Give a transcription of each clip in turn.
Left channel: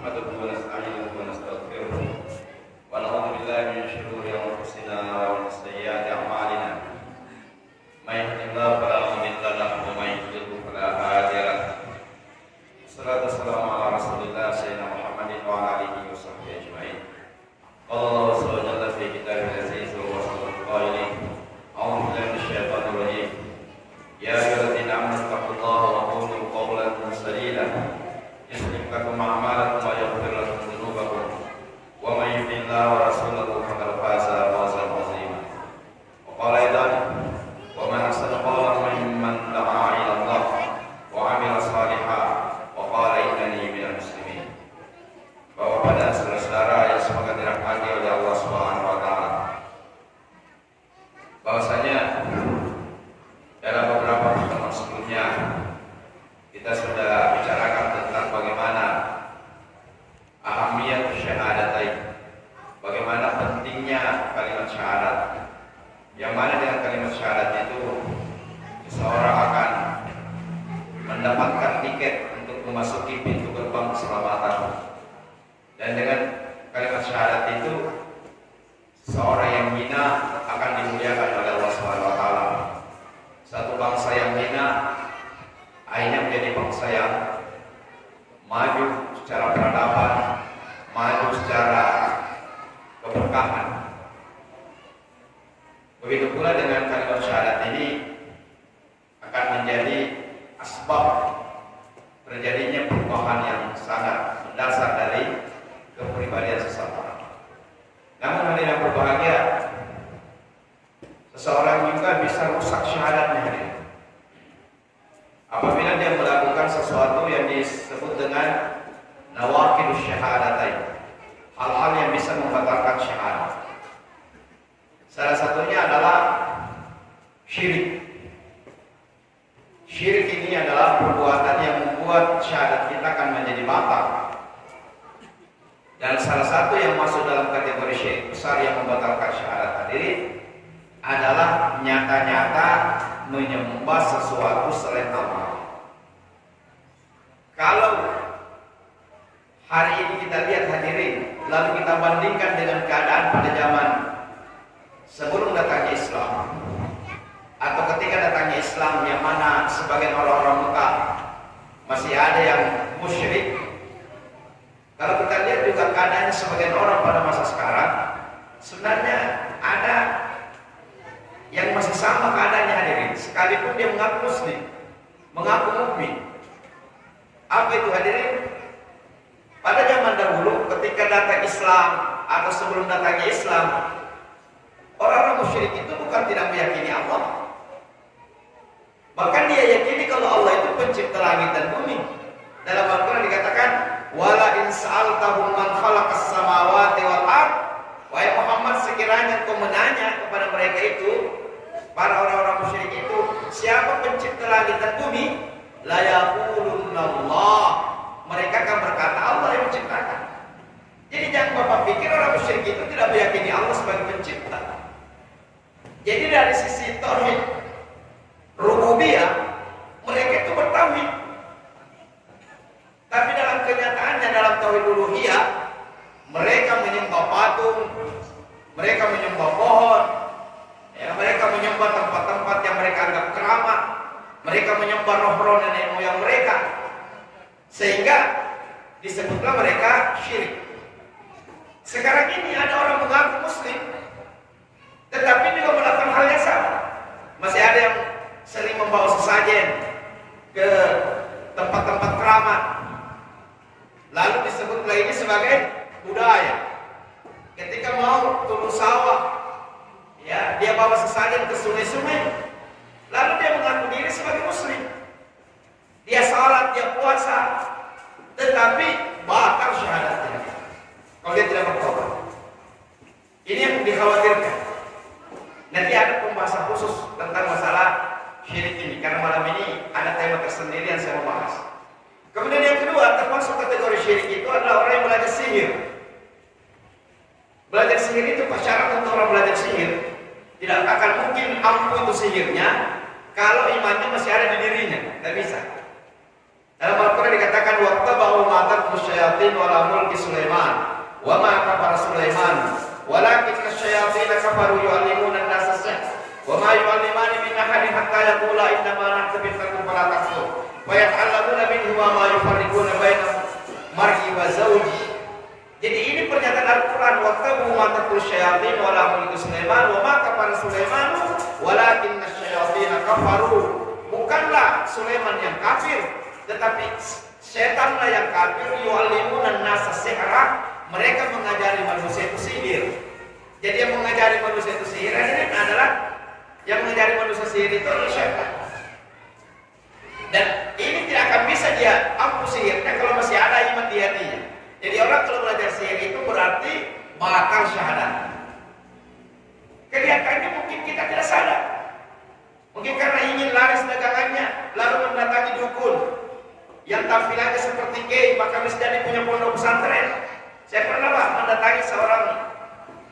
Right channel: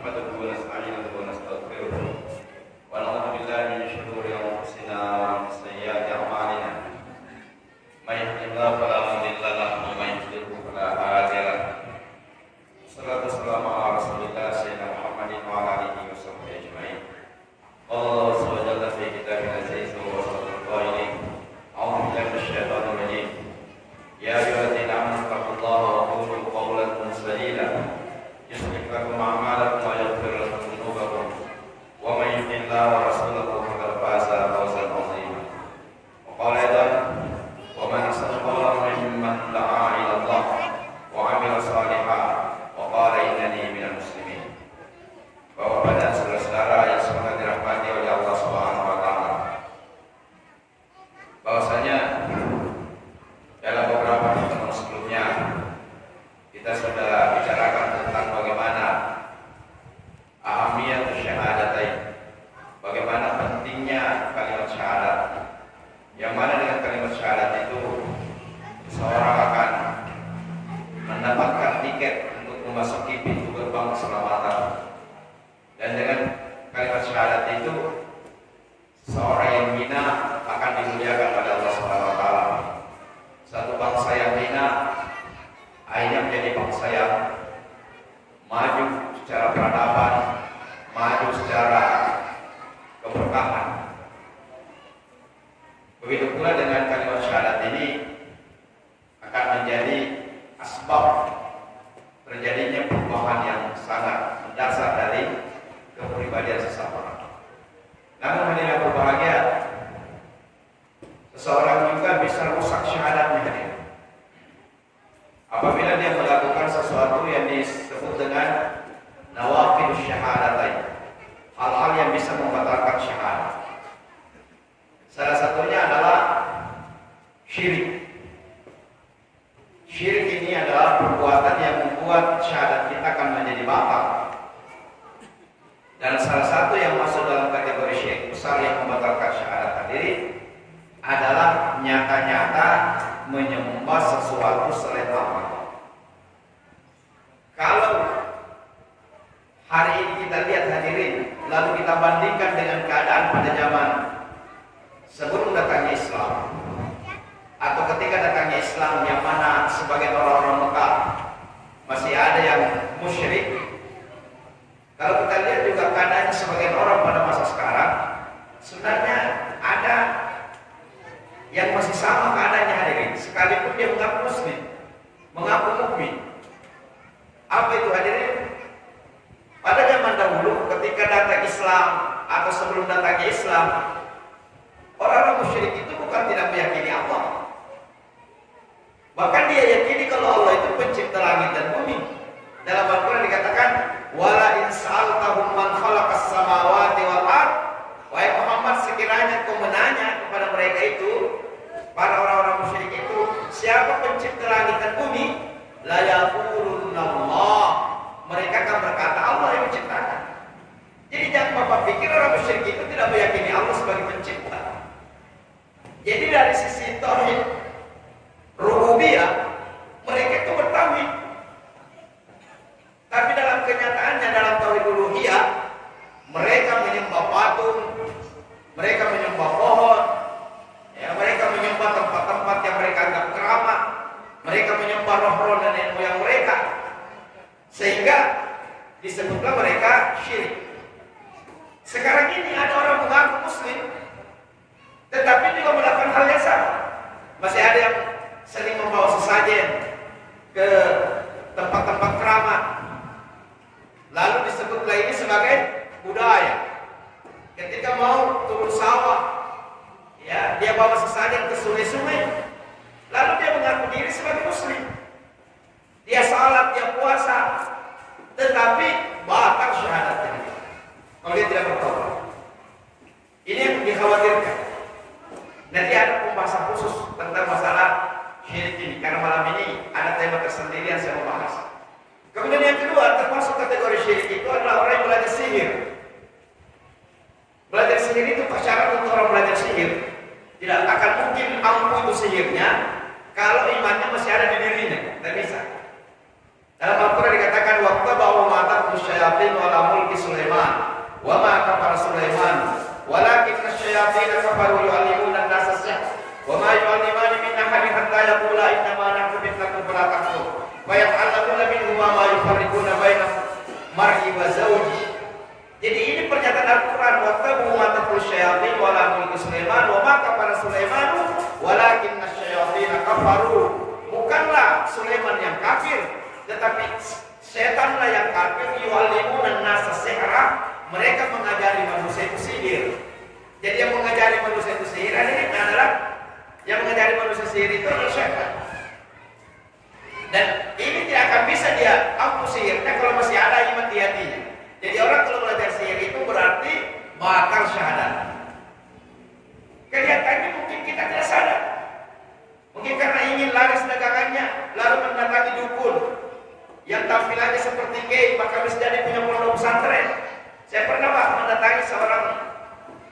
نحمده ونستعينه ونستغفره ونعوذ بالله من شرور أنفسنا ومن سيئات أعمالنا من يهده الله فلا مضل له ومن يضلل فلا هادي له والصلاة والسلام على رسول الله سيدنا محمد وعلى آله وصحبه أجمعين قال الله عز وجل في كتابه العزيز وهو القائل أعوذ بالله من الشيطان الرجيم يا أيها الذين آمنوا اتقوا الله وقولوا قولا سديدا يصلح لكم أعمالكم ويغفر لكم ذنوبكم ومن يطع الله ورسوله فقد فاز فوزا عظيما وقال أيضا ومن أحسن قولا ممن دعا إلى الله وعمل صالحا وقال إنني من المسلمين. Bapak dan saudara-saudara yang semoga dirahmati oleh Allah Subhanahu wa taala. Bahwasanya dalam beberapa pertemuan sebelumnya kita sudah bicarakan tentang bagaimana ahamiyat syahadatain, bagaimana pentingnya kalimat syahadat. Yang mana dengan kalimat syahadat itu seseorang akan mendapatkan tiket untuk memasuki pintu gerbang keselamatan. Dan dengan kalimat syahadat itu seorang yang hina akan dimuliakan oleh Allah Subhanahu wa taala. Satu bangsa yang hina akhirnya menjadi bangsa yang maju secara peradaban, maju secara keberkahan. Begitu pula dengan kalimat syahadat ini akan menjadi asbab terjadinya perubahan yang sangat mendasar dari kepribadian seseorang. Namun hadirin yang berbahagia, seseorang juga bisa rusak syahadatnya hadirin. Apabila dia melakukan sesuatu yang disebut dengan nawaqidus syahadatain, hal-hal yang bisa membatalkan syahadat. Salah satunya adalah syirik. Syirik ini adalah perbuatan yang membuat syahadat kita akan menjadi batal. Dan salah satu yang masuk dalam kategori syirik besar yang membatalkan syahadat hadirin adalah nyata-nyata menyembah sesuatu selain Allah. Kalau hari ini kita lihat hadirin, lalu kita bandingkan dengan keadaan pada zaman sebelum datangnya Islam atau ketika datangnya Islam, yang mana sebagian orang-orang Mekah masih ada yang musyrik. Kalau kita lihat juga keadaan sebagian orang pada masa sekarang, sebenarnya ada yang masih sama keadaannya hadirin, sekalipun dia mengaku muslim, mengaku mukmin. Apa itu hadirin? Pada zaman dahulu ketika datang Islam atau sebelum datangnya Islam, orang-orang musyrik itu bukan tidak meyakini Allah. Bahkan dia yakini kalau Allah itu pencipta langit dan bumi. Dalam Al-Quran dikatakan, wala in sa'altahum man khalaqas samawati wal ard. Wahai Muhammad, sekiranya kau menanya kepada mereka itu, para orang-orang musyrik itu, siapa pencipta langit dan bumi? La yaqulunna Allah. Mereka akan berkata Allah yang menciptakan. Jadi jangan Bapak pikir orang musyrik itu tidak meyakini Allah sebagai pencipta. Jadi dari sisi tauhid rububiyah, mereka itu bertauhid. Tapi dalam kenyataannya, dalam tauhid uluhiyah, mereka menyembah patung, mereka menyembah pohon, ya, mereka menyembah tempat-tempat yang mereka anggap keramat, mereka menyembah roh-roh nenek moyang mereka, sehingga disebutlah mereka syirik. Sekarang ini ada orang mengaku muslim, tetapi juga melakukan hal yang sama. Masih ada yang sering membawa sesajen ke tempat-tempat keramat, lalu disebutlah ini sebagai budaya. Ketika mau turun sawah, ya, dia bawa sesajen ke sungai-sungai, lalu dia mengaku diri sebagai muslim. Dia salat, dia puasa, tetapi batal syahadatnya kalau dia tidak bertobat. Ini yang dikhawatirkan. Nanti ada pembahasan khusus tentang masalah syirik ini, karena malam ini ada tema tersendiri yang saya mau bahas. Kemudian yang kedua, termasuk kategori syirik itu adalah orang yang belajar sihir. Belajar sihir itu syarat untuk orang belajar sihir. Tidak akan mungkin ampuh itu sihirnya kalau imannya masih ada di dirinya. Tidak bisa. Dalam Al-Quran dikatakan waqta ba'u ma'atat syayatin ala mulki Sulaiman wa ma kafara Sulaiman walakinna syayatin kafaru yu'allimuna an-nasa as-sihr wa ma yu'allimani min ahadin hatta yaqula inna ma nahnu fitnatun fala takfur wa yata'allamuna minhu ma yufarriquna baina mar'i wa zawji. Jadi ini pernyataan Al-Quran, wattabu ma tatlu syayatin wa la mulki Sulaiman wa ma kafara Sulaiman walakinna syayatin kafaru. Bukanlah Sulaiman yang kafir, tetapi setanlah yang kafir. Yu'allimuna an-nasa sihra, mereka mengajari manusia itu sihir. Jadi yang mengajari manusia itu sihir adalah yang mengajari manusia sihir itu adalah setan. Dan ini tidak akan bisa dia ampuh sihirnya kalau masih ada iman di hatinya. Jadi orang kalau belajar sihir itu berarti bakal syahadat. Kelihatannya mungkin kita tidak sadar. Mungkin karena ingin laris dagangannya, lalu mendatangi dukun yang tampilannya seperti gay, bahkan bisa jadi punya pondok pesantren. Saya pernah Pak mendatangi seorang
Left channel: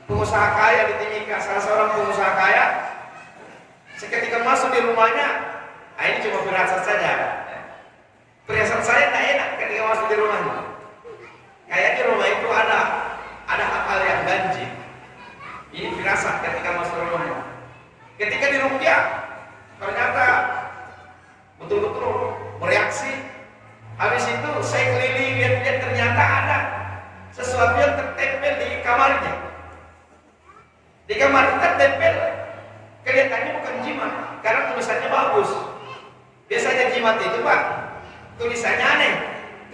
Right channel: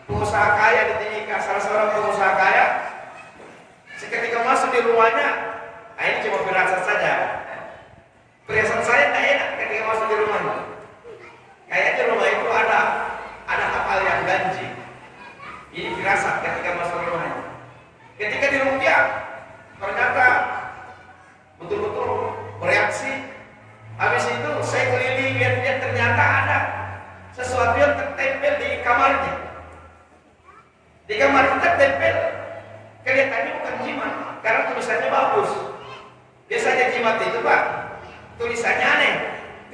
pengusaha kaya di Timika, salah seorang pengusaha kaya. Seketika masuk di rumahnya, ini cuma firasat saja. Perasaan saya tak enak ketika masuk di rumahnya. Kayaknya rumah itu ada hal yang ganjil. Ini firasat ketika masuk rumahnya. Ketika di rupiah, ternyata betul-betul bereaksi. Habis itu saya keliling lihat-lihat, ternyata ada sesuatu yang tertempel di kamarnya. Di kamar itu tertempel, kelihatannya bukan jimat, karena tulisannya bagus. Biasanya jimat itu Pak, tulisannya aneh,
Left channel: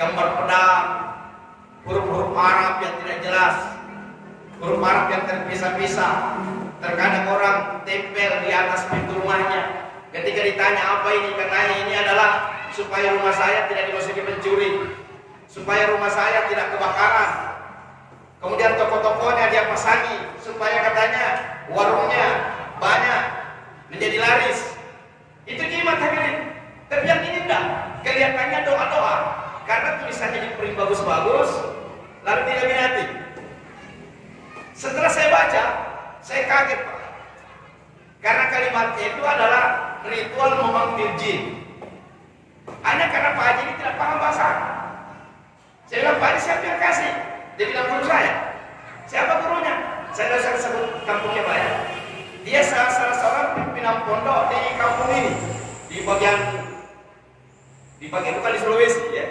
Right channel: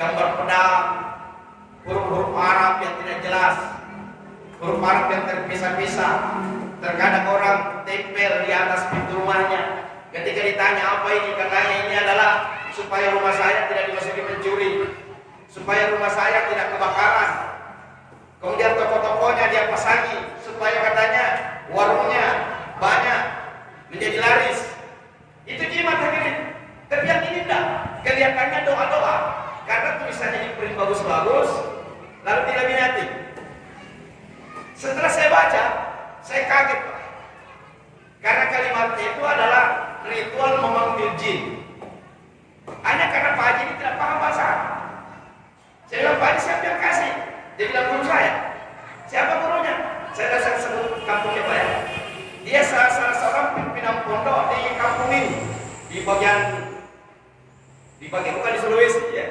gambar pedang, huruf-huruf Arab yang tidak jelas, huruf Arab yang terpisah-pisah. Terkadang orang tempel di atas pintu rumahnya. Ketika ditanya apa ini, katanya ini adalah supaya rumah saya tidak dimasuki pencuri, supaya rumah saya tidak kebakaran. Kemudian toko-tokonya dia pasangi supaya katanya warungnya banyak, menjadi laris. Itu jimat hadirin. Tapi yang ini enggak, kelihatannya doa-doa, karena tulisannya diprint bagus-bagus, lalu dilaminati. Setelah saya baca, saya kaget Pak, karena kalimatnya itu adalah ritual memanggil jin. Hanya karena Pak Haji ini tidak paham bahasa Arab. Saya bilang, Pak Haji siapa yang kasih? Dia bilang, guru saya. Siapa gurunya? Saya tidak usah sebut kampungnya Pak ya. Dia salah seorang pimpinan pondok di kampung ini, di bagian bukan di Sulawesi ya,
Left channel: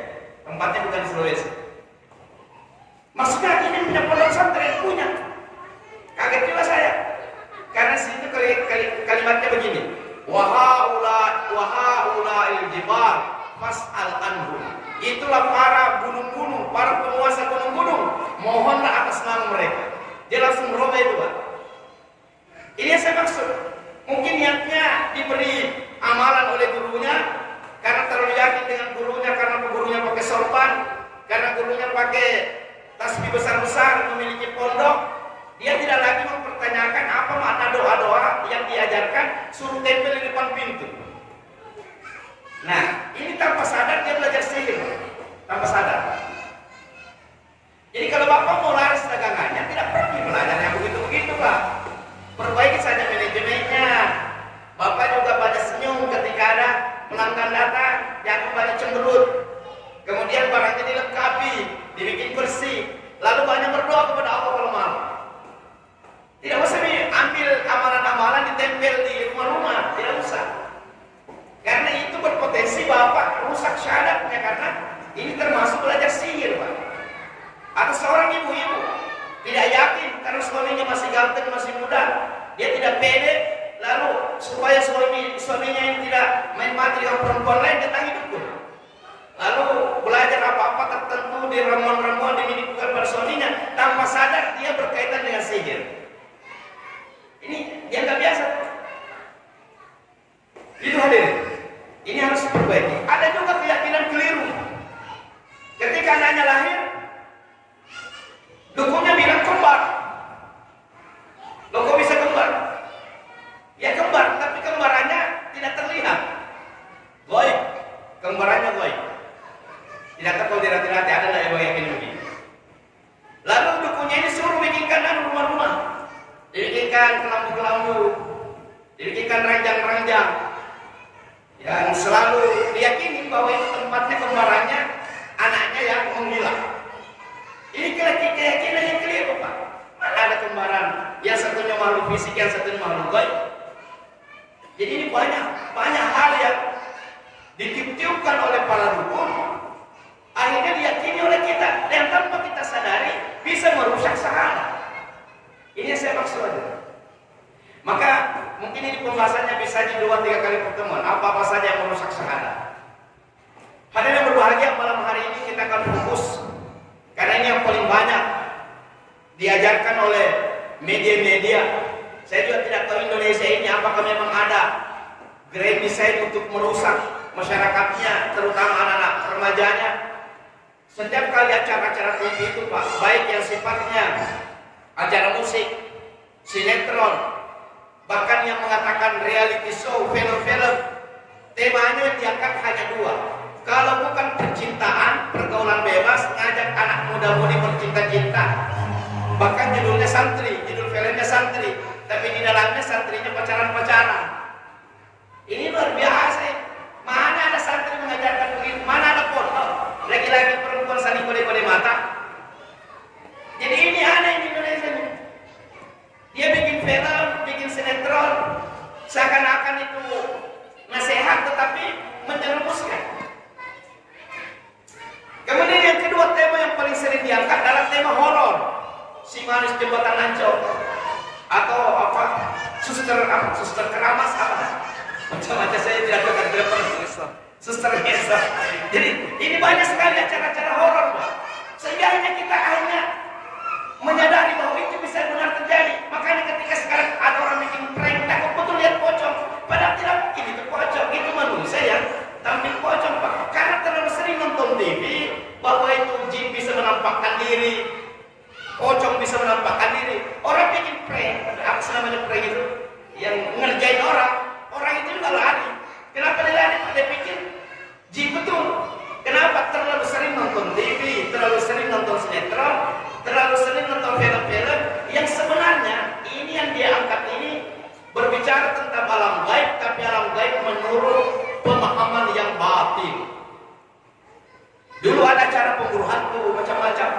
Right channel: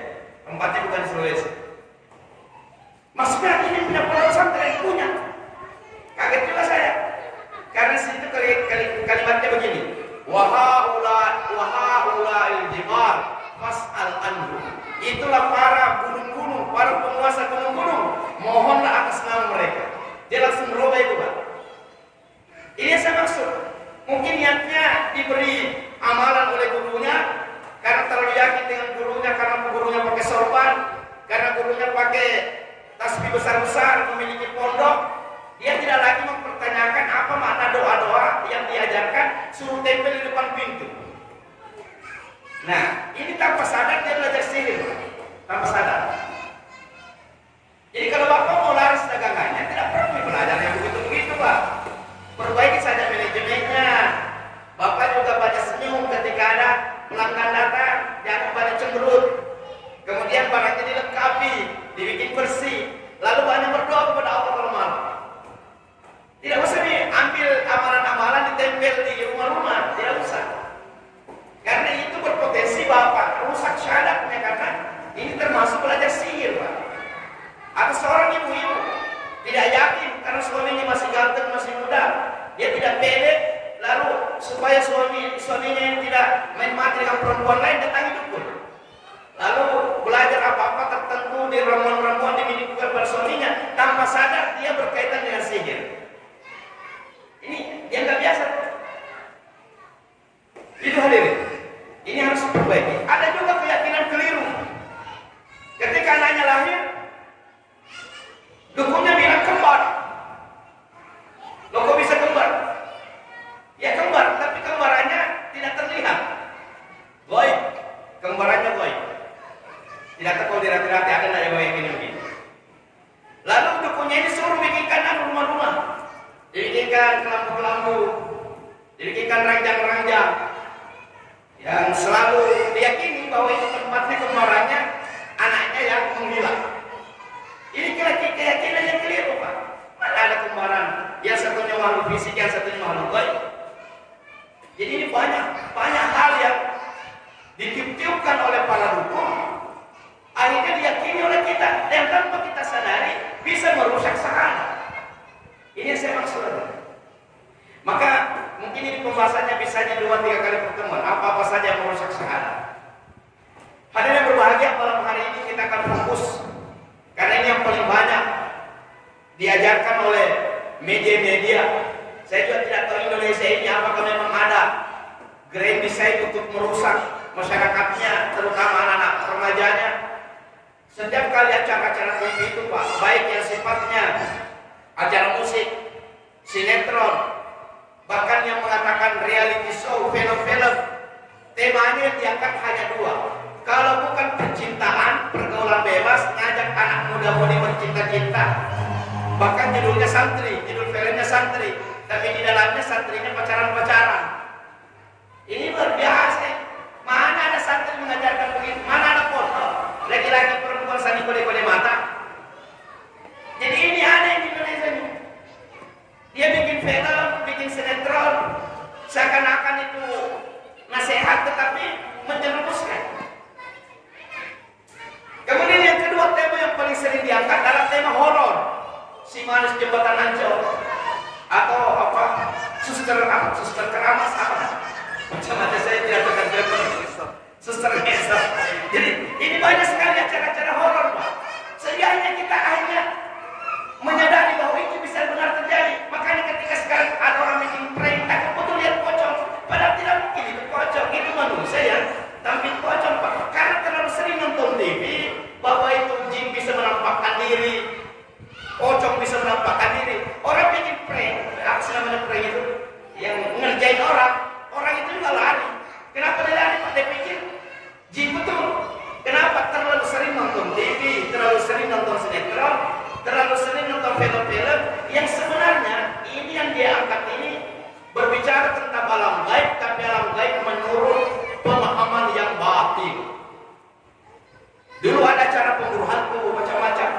tempatnya bukan di Sulawesi. Maksudnya ini punya pondok pesantren punya. Kaget juga saya, karena situ kalimatnya begini, wahaula il-jibal fas'al anhu. Itulah para gunung-gunung, para penguasa gunung-gunung, mohonlah atas nama mereka. Dia langsung merubah itu Pak. Ini yang saya maksud. Mungkin niatnya diberi amalan oleh gurunya, karena terlalu yakin dengan gurunya, karena gurunya pakai sorban, karena gurunya pakai tasbih besar-besar, memiliki pondok. Dia tidak lagi mempertanyakan apa makna doa-doa yang diajarkan, suruh tempel di depan pintu. Nah, ini tanpa sadar dia belajar sihir, tanpa sadar. Jadi kalau Bapak mau laris dagangannya, tidak perlu belajar yang begitu-begitu Pak. Perbaiki saja manajemennya. Bapak juga banyak senyum ketika ada pelanggan datang, jangan banyak cemberut. Kemudian barangnya dilengkapi, dibikin bersih, lalu banyak berdoa kepada Allah kalau malam. Tidak usah diambil amalan-amalan ditempel di rumah-rumah, tidak usah. Karena itu berpotensi Bapak rusak syahadatnya, karena ini termasuk belajar sihir Pak. Atau seorang ibu-ibu tidak yakin karena suaminya masih ganteng, masih muda, dia tidak pede, lalu supaya suaminya yang tidak main mati dengan perempuan lain, datangi dukun. Lalu belajar apa-apa tertentu di ramuan-ramuan dimiliki pada suaminya, tanpa sadar dia berkaitan dengan sihir. Ini yang nggak biasa. Itu hadirin. Ini harus diperbaiki. Ada juga keyakinan keliru. Ketika anaknya lahir, dukunnya bilang kembar. Loh kok bisa kembar? Ya kembar, tapi kembarannya tidak terlihat. Goib. Kembarannya goib. Tidak tahu kalau dirati-rati ada nggak yang goib ini begini. Lalu dukunnya ini suruh bikinkan rumah-rumah. Dibikinkan kelambu-kelambu, dibikinkan ranjang-ranjang yang selalu diyakini bahwa itu tempatnya kembarannya, anaknya yang menghilang. Inilah keyakinan yang keliru, Pak. Mana ada kembaran? Yang satunya makhluk fisik, yang satunya makhluk gaib. Jadi ini banyak hal yang ditiup-tiupkan oleh para dukun, akhirnya diyakini oleh kita dan tanpa kita sadari bisa merusak sahana. Ini yang saya maksud. Maka mungkin ini pembahasannya bisa di 2-3 kali pertemuan. Apa-apa saja yang merusak sahana. Hadirin yang berbahagia, malam hari ini kita akan fokus karena ini yang paling banyak diajarkan oleh media-media. Saya juga tidak tahu Indonesia ini apakah memang ada grand design untuk merusak masyarakatnya, terutama anak-anak remajanya. Setiap kali acara-acara TV itu, Pak, baik yang sifatnya acara musik, sinetron, bahkan yang mengatakan reality show, film-film, temanya yang diangkat hanya 2. Kalau bukan percintaan, pergaulan bebas, ngajak anak muda-mudi bercinta-cinta. Bahkan judulnya santri, judul filmnya santri, tapi di dalamnya santrinya pacaran-pacaran. Ini luar biasa. Mana ada santri mengajarkan begitu? Mana ada foto laki-laki perempuan saling kode-kode mata? Jadi ini aneh di Indonesia. Dia bikin film, bikin sinetron, seakan-akan itu nasihat tetapi menjerumuskan. Kemudian yang kedua, tema yang paling sering diangkat adalah tema horor. Si manis jembatan Ancol atau apa? Suster keramas apa? Macam-macam saya tidak akan terpaksa. Suster ngesot. Jadi ini banyak sekali acara-acara horor, Pak. Sehingga kita akhirnya menyadari bahwa itu bisa benar terjadi. Makanya ketika sekarang ada orang bikin prank, takut betul lihat pocong. Padahal tidak mungkin itu pocong. Itu manusia yang tampil pocong, Pak. Karena terlalu sering nonton TV bahwa itu jin bisa menampakkan diri, pocong bisa menampakkan diri. Orang bikin prank, apa sih namanya prank itu? Yang ngerjain orang itu juga lari. Kenapa dia lari, Pak? Dia pikir jin betul. Kenapa? Terlalu sering nonton TV, terlalu sering nonton sinetron, terlalu sering nonton film-film yang sebenarnya ini yang dia angkat ini berbicara tentang alam gaib, tapi alam gaib menurut pemahaman yang batin. Dulu ada cara pemburu hantu, macam-macam.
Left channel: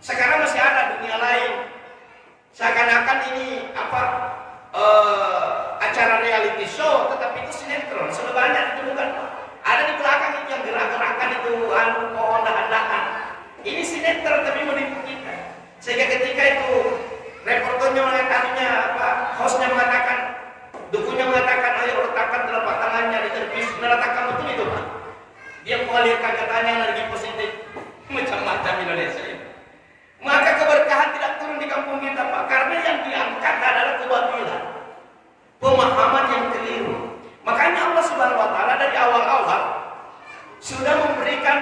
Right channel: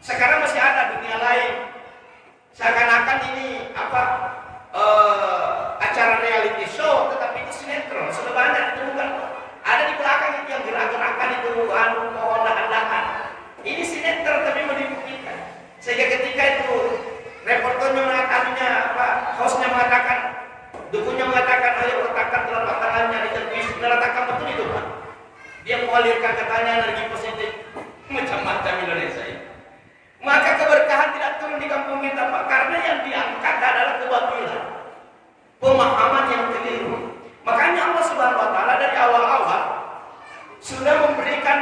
Sekarang masih ada dunia lain. Seakan-akan ini acara reality show, tetapi itu sinetron. Sebenarnya itu bukan. Ada di belakang itu yang gerak-gerakan itu pohon dahan-dahan. Ini sinetron tapi menipu kita. Sehingga ketika itu reporternya mengatakannya, hostnya mengatakan, dukunnya mengatakan, ayo letakkan telapak tangannya di televisi, meletakkan betul itu, Pak. Dia mengalirkan katanya energi positif, macam-macam Indonesia ini. Maka keberkahan tidak turun di kampung kita, Pak, karena yang diangkat adalah kebatilan, pemahaman yang keliru. Makanya Allah Subhanahu Wa Taala dari awal-awal sudah memberikan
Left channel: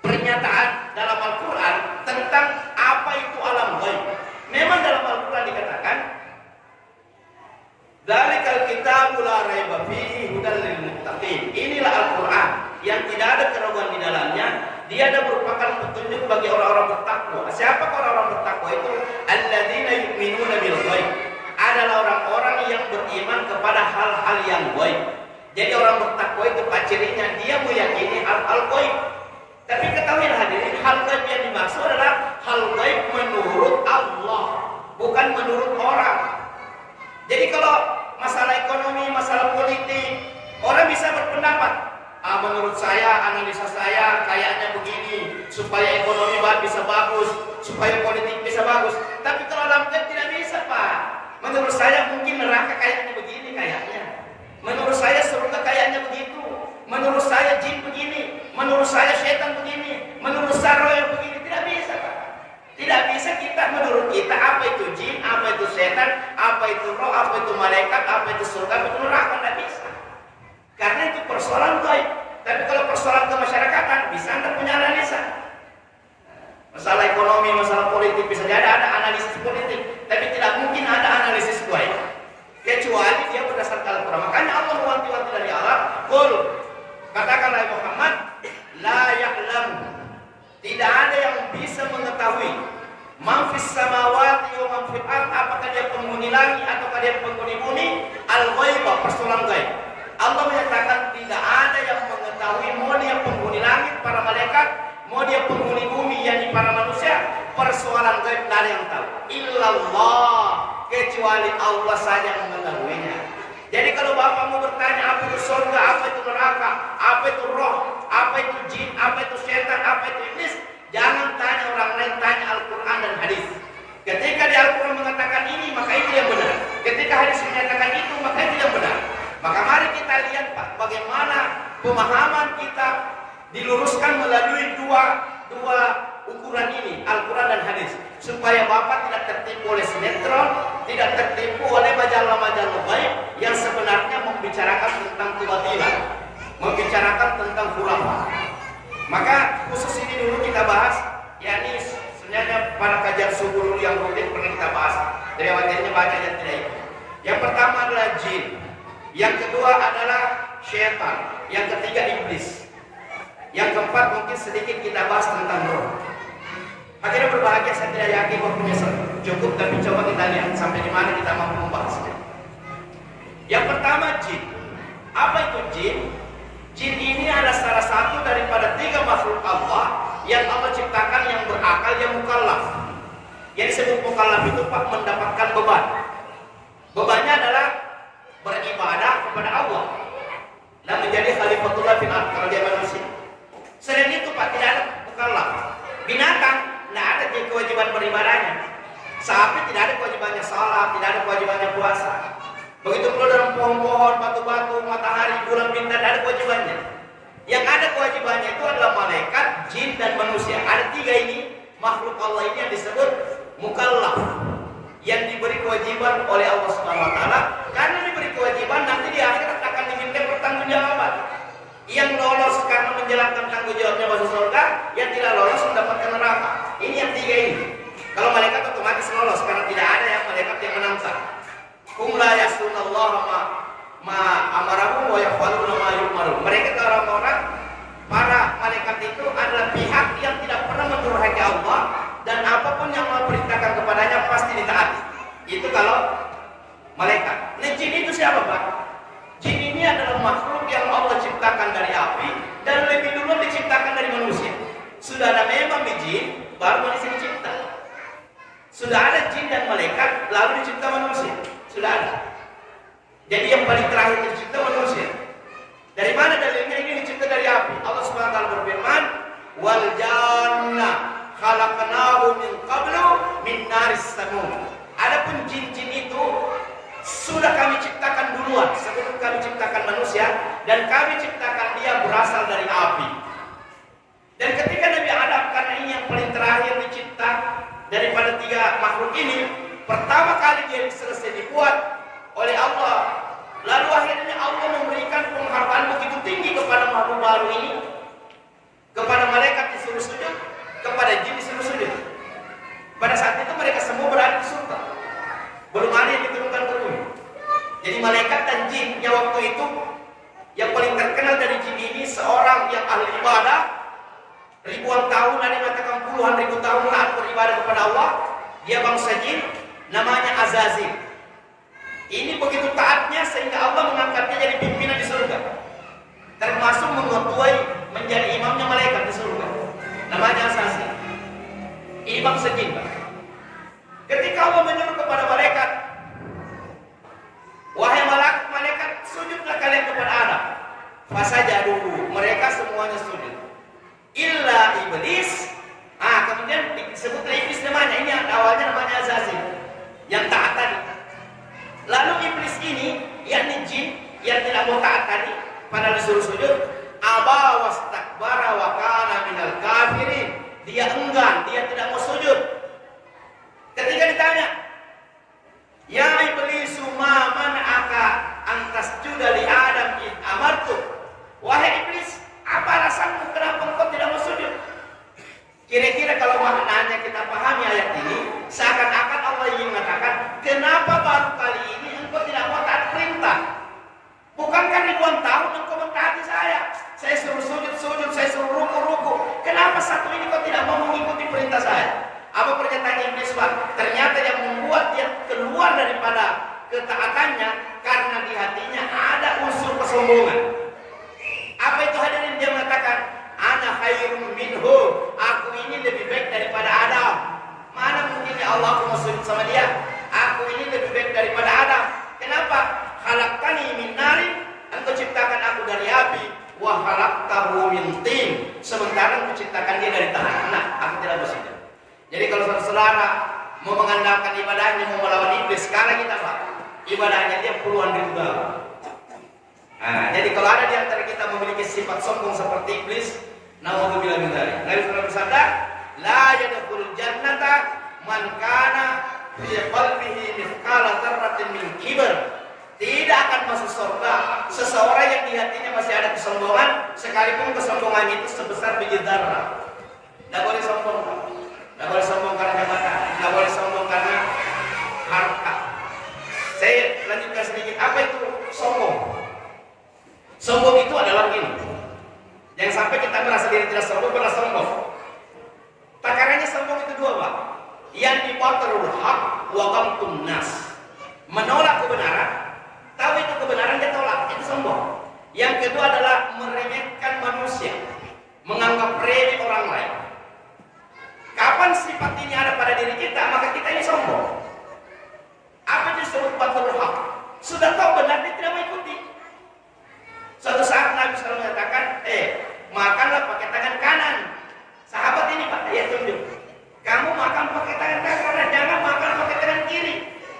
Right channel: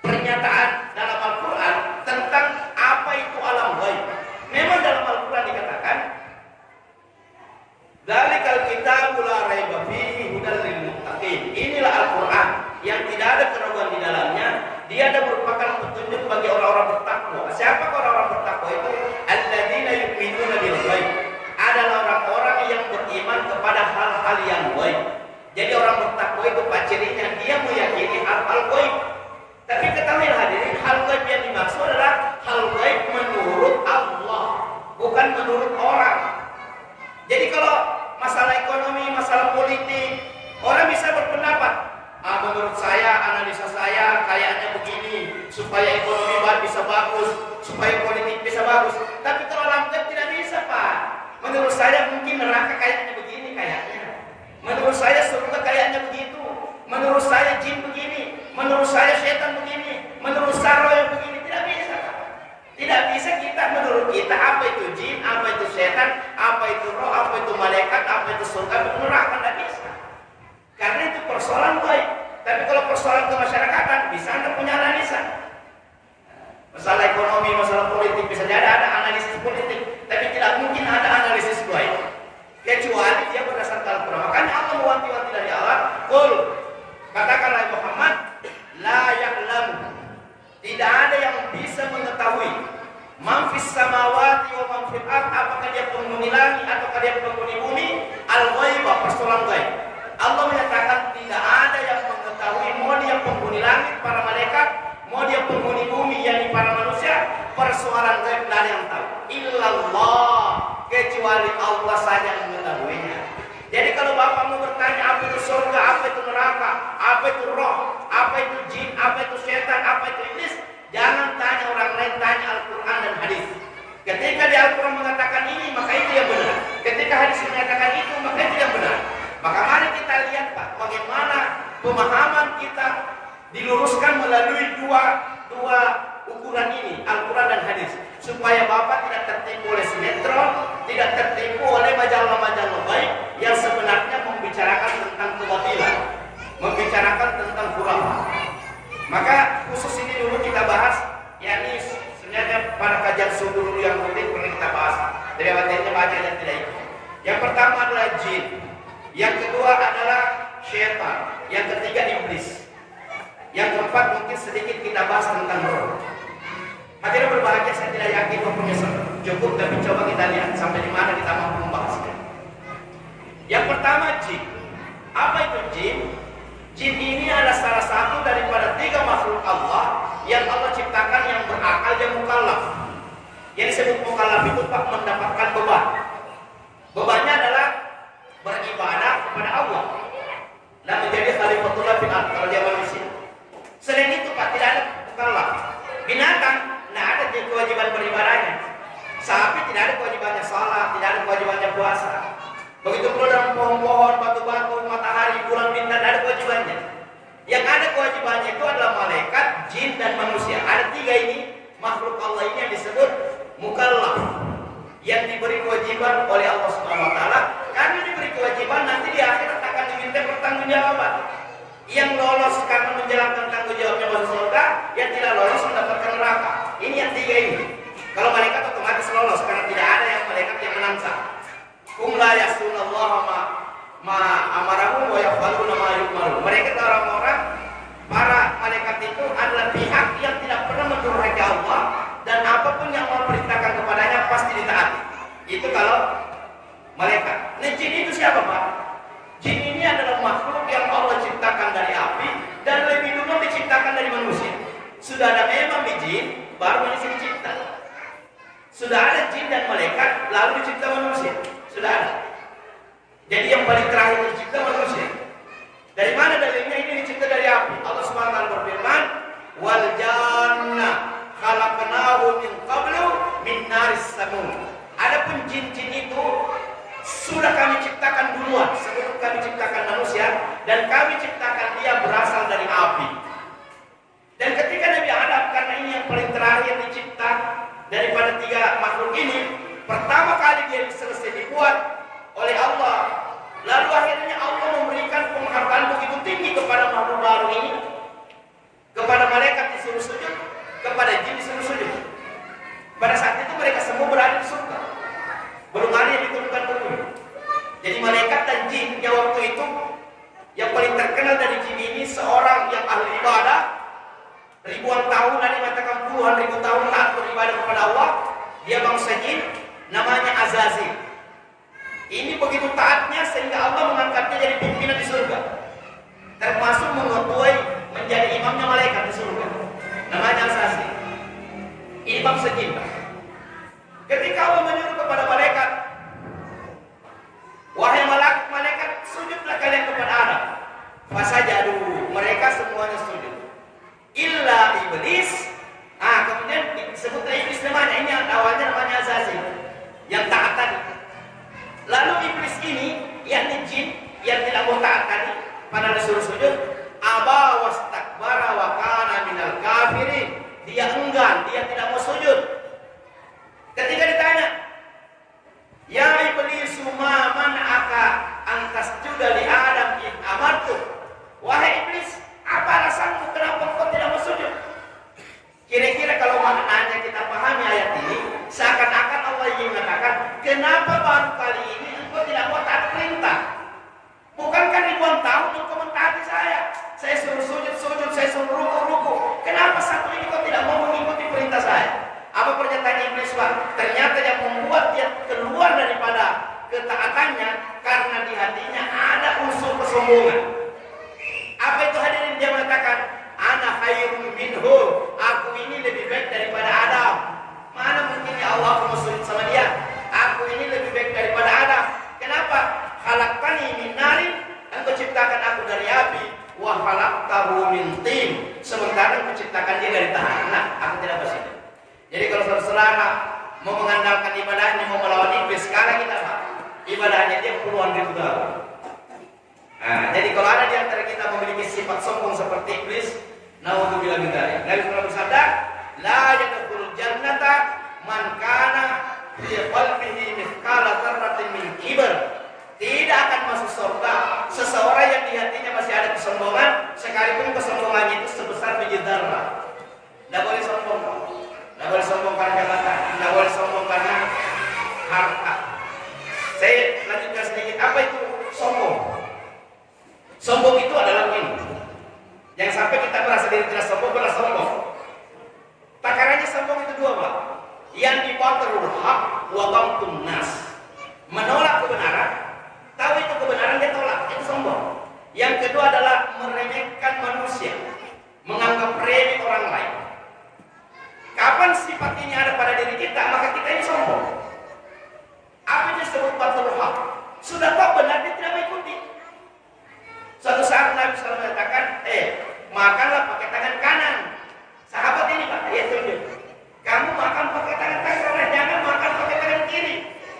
pernyataan dalam Al-Quran tentang apa itu alam gaib. Memang dalam Al-Quran dikatakan, "Dzalikal kitabu la raiba fihi hudal lil muttaqin." Inilah Al-Quran yang tidak ada keraguan di dalamnya. Dia ada merupakan petunjuk bagi orang-orang bertakwa. Siapa orang-orang bertakwa itu? Alladzina yu'minuna bil ghaib. Adalah orang-orang yang beriman kepada hal-hal yang gaib. Jadi orang bertakwa itu cirinya dia meyakini hal-hal gaib. Tapi ketahuilah hadirin, hal gaib yang dimaksud adalah hal gaib menurut Allah, bukan menurut orang. Jadi kalau masalah ekonomi, masalah politik, orang bisa berpendapat, menurut saya, analisa saya kayaknya begini, supaya ekonomi bisa bagus, supaya politik bisa bagus. Tapi kalau alam gaib tidak bisa, Pak. Menurut saya mungkin neraka kayaknya begini kayaknya. Menurut saya surga kayaknya begitu. Menurut saya jin begini. Menurut saya setan begini. Menurut saya roh yang begini. Tidak bisa, Pak. Tidak bisa kita menurut kita apa itu jin, apa itu setan, apa itu roh, apa itu malaikat, apa itu surga, apa itu neraka. Tidak bisa. Karena itu persoalan gaib. Tapi kalau persoalan kemasyarakatan bisa Anda punya analisa. Masalah ekonomi, masalah politik bisa jadi ada analisis politik, tapi tidak mungkin ada analisis gaib kecuali dia berdasarkan Al-Quran. Makanya Allah mewanti-wanti dari Allah, "Qul," katakanlah Muhammad, "la ya'lamu." Tidak ada yang bisa mengetahui man fis samawati wa man fil ard, apakah dia penghuni langit ataukah dia penghuni bumi, al-ghaiba, persoalan gaib. Allah menyatakan tidak ada yang mengetahui, mau dia penghuni langit para malaikat, mau dia penghuni bumi yakni para persoalan gaib tidak ada yang tahu. Illallah, kecuali Allah saja yang mengetahuinya. Jadi kalau Bapak mau bertanya apa itu surga, apa itu neraka, apa itu roh, apa itu jin, apa itu setan, apa itu iblis, jangan tanya orang lain, tanya Al-Quran dan hadis. Ketika di Al-Quran mengatakan ini, maka itu yang benar. Ketika hadis menyatakan itu, maka itu yang benar. Maka mari kita lihat Pak, bagaimana pemahaman kita diluruskan melalui dua ukuran ini, Al-Quran dan hadis, supaya Bapak tidak tertipu oleh sinetron, tidak tertipu oleh majalah-majalah baik yang sebenarnya membicarakan tentang kebatilan, membicarakan tentang khurafat. Maka khusus ini dulu kita bahas, yakni sebenarnya pada kajian subuh yang rutin pernah kita bahas. Dari materinya banyak yang tidak ikut. Yang pertama adalah jin, yang kedua adalah syaitan, yang ketiga iblis, yang keempat mungkin sedikit kita bahas tentang roh. Hadirin berbahagia, saya tidak yakin waktunya cukup, tapi coba kita lihat sampai di mana kita mampu membahasnya. Yang pertama jin. Apa itu jin? Jin ini adalah salah satu daripada 3 makhluk Allah yang Allah ciptakan yang berakal, yang mukallaf. Yang disebut mukallaf itu Pak mendapatkan beban. Bebannya adalah beribadah kepada Allah dan menjadi khalifatullah fil ardh kalau dia manusia. Selain itu Pak tidak ada mukallaf. Binatang tidak ada kewajiban beribadahnya. Sapi tidak ada kewajibannya salat, tidak ada kewajibannya puasa. Begitu pula dalam pohon-pohon, batu-batu, matahari, bulan, bintang, ada kewajibannya. Yang ada kewajibannya itu adalah malaikat, jin, dan manusia. Ada 3 ini, makhluk Allah ini yang disebut mukallaf, yang diberi kewajiban oleh Allah Subhanahu Wa Taala. Karena diberi kewajiban, nanti di akhirat akan diminta pertanggungjawaban. Yang lolos karena menjalankan tanggung jawabnya masuk surga, yang tidak lolos mendapatkan neraka. Ini yang 3 ini. Kalau malaikat otomatis lolos karena tidak ada yang malaikat yang menantang. Hum la ya'sunallaha ma amarahum wa yaf'aluna ma yu'marun. Mereka orang-orang, para malaikat itu adalah pihak yang tidak pernah mendurhaki Allah, dan apapun yang Allah perintahkan kepadanya pasti ditaati. Itu kalau malaikat. Nah, jin itu siapa Pak? Jin ini adalah makhluk yang Allah ciptakan dari api dan lebih dulu diciptakan dari manusia. Sudah ada memang jin, baru manusia dicipta. Sudah ada jin dan malaikat, lalu dicipta manusia. Sudah ada. Jadi yang paling terakhir dicipta manusia. Dari mana dalilnya? Ini dicipta dari api. Allah Subhanahu wa taala berfirman, "Wal janna khalaqnahu min qablu min naris samum." Adapun jin-jin itu sudah kami ciptakan duluan sebelum kami ciptakan manusia, dan kami ciptakan dia berasal dari api. Dan ketika Nabi Adam, karena ini yang paling terakhir dicipta daripada 3 makhluk ini, pertama kali dia selesai dibuat oleh Allah, lalu akhirnya Allah memberikan penghargaan begitu tinggi kepada makhluk baru ini. Kepada malaikat disuruh sujud, kepada jin disuruh sujud. Pada saat itu mereka semua berada di surga, belum ada yang diturunkan ke bumi. Jadi malaikat dan jin yang waktu itu, yang paling terkenal dari jin ini seorang yang ahli ibadah, ribuan tahun, ada yang mengatakan puluhan ribu tahun taat beribadah kepada Allah. Dia bangsa jin, namanya Azazil. Ini begitu taatnya sehingga Allah mengangkatnya jadi pimpinan di surga, termasuk mengetuai menjadi imamnya malaikat di surga. Namanya Azazil. Ini bangsa jin. Ketika Allah menyuruh kepada malaikat, wahai malaikat, sujudlah kalian kepada Adam. Fasajadu, mereka semuanya sujud. Illa iblis. Kemudian disebutlah iblis namanya. Ini awalnya namanya Azazil, yang taat tadi. Lalu iblis ini, yakni jin yang tidak mau taat tadi, padahal disuruh sujud, aba wastakbara wa kana minal kafirin. Dia enggan, dia tidak mau sujud. Ketika ditanya, ya iblisu ma man'aka an tasjuda li Adam id amartu. Wahai iblis, apa alasanmu kenapa engkau tidak mau sujud? Kira-kira kalau maknanya kita pahami ayat ini, seakan-akan Allah ingin mengatakan, kenapa baru kali ini engkau tidak mau taat perintah? Bukankah ribuan tahun engkau mentaati saya? Saya suruh sujud, saya suruh ruku. Kenapa satu ini kau tidak mau mengikuti perintah saya? Apa pernyataan iblis Pak? Ternyata yang membuat dia keluar daripada ketaatannya, karena di hatinya ada unsur kesombongan. Apa itu hadirin? Dia mengatakan, ana khairun minhu, aku ini lebih baik daripada Adam. saudara mau mengandalkan ibadahnya, mau melawan iblis, sekarang kita Pak, ibadahnya dia puluhan ribu dolar. Nah, jadi kalau ada di antara kita memiliki sifat sombong seperti iblis, naudzubillah min dzalik. Nabi sallallahu bersabda, la yadkhulul jannata man kana fi qalbihi mithqala dzarratin min kibr. Tidak akan masuk surga seseorang yang di hatinya masih ada kesombongan, sekalipun kesombongannya itu sebesar biji zarah. Tidak boleh sombong. Tidak boleh sombong karena jabatan, tidak boleh sombong karena harta. Saya lanjutkan sedikit. Apa itu sombong? Sombong itu adalah ini. Yang sampai kita merasa diri tidak sombong, benar sombong. Takarannya sombong itu dua, Pak. Yang dibatarul haq wa qamtun nas. Menolak kebenaran, tahu itu kebenaran dia tolak, itu sombong. Yang kedua adalah meremehkan manusia, menganggap remeh orang lain. Kapan sifat ini ada pada diri kita, maka kita ini sombong. Apa itu disebut batarul haq? Sudah tahu benar, dia tidak mengikuti. Suatu saat Nabi SAW mengatakan, makanlah pakai tangan kanan. Sahabat ini Pak, ya tunjuk. Kamu makan pakai tangan kanan, jangan makan pakai tangan kiri.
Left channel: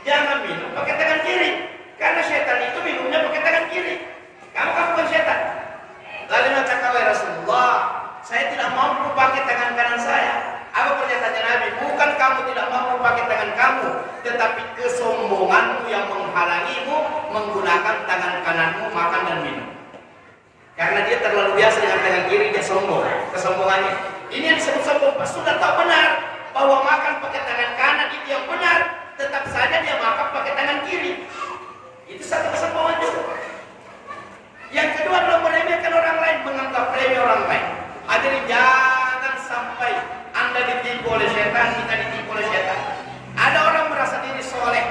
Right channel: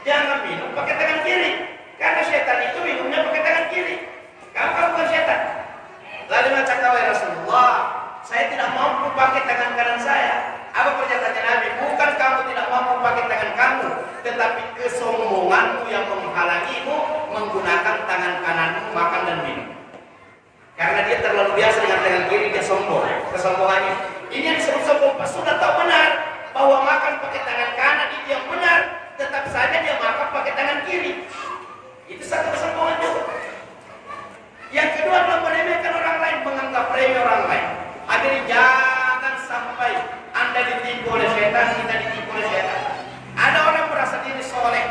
Jangan minum pakai tangan kiri. Karena setan itu minumnya pakai tangan kiri. Kamu kan bukan setan. Lalu mengatakan, ya Rasulullah, saya tidak mampu pakai tangan kanan saya. Apa pernyataannya Nabi? Bukan kamu tidak mampu pakai tangan kamu, tetapi kesombonganmu yang menghalangimu menggunakan tangan kananmu makan dan minum. Karena dia terlalu biasa dengan tangan kiri, dia sombong. Kesombongannya. Ini yang disebut sombong. Sudah tahu benar bahwa makan pakai tangan kanan itu yang benar, tetap saja dia makan pakai tangan kiri. Itu satu kesombongan juga. Yang kedua adalah meremehkan orang lain, menganggap remeh orang lain. Hadirin, jangan sampai Anda ditipu oleh setan, kita ditipu oleh setan. Ada orang merasa diri soleh,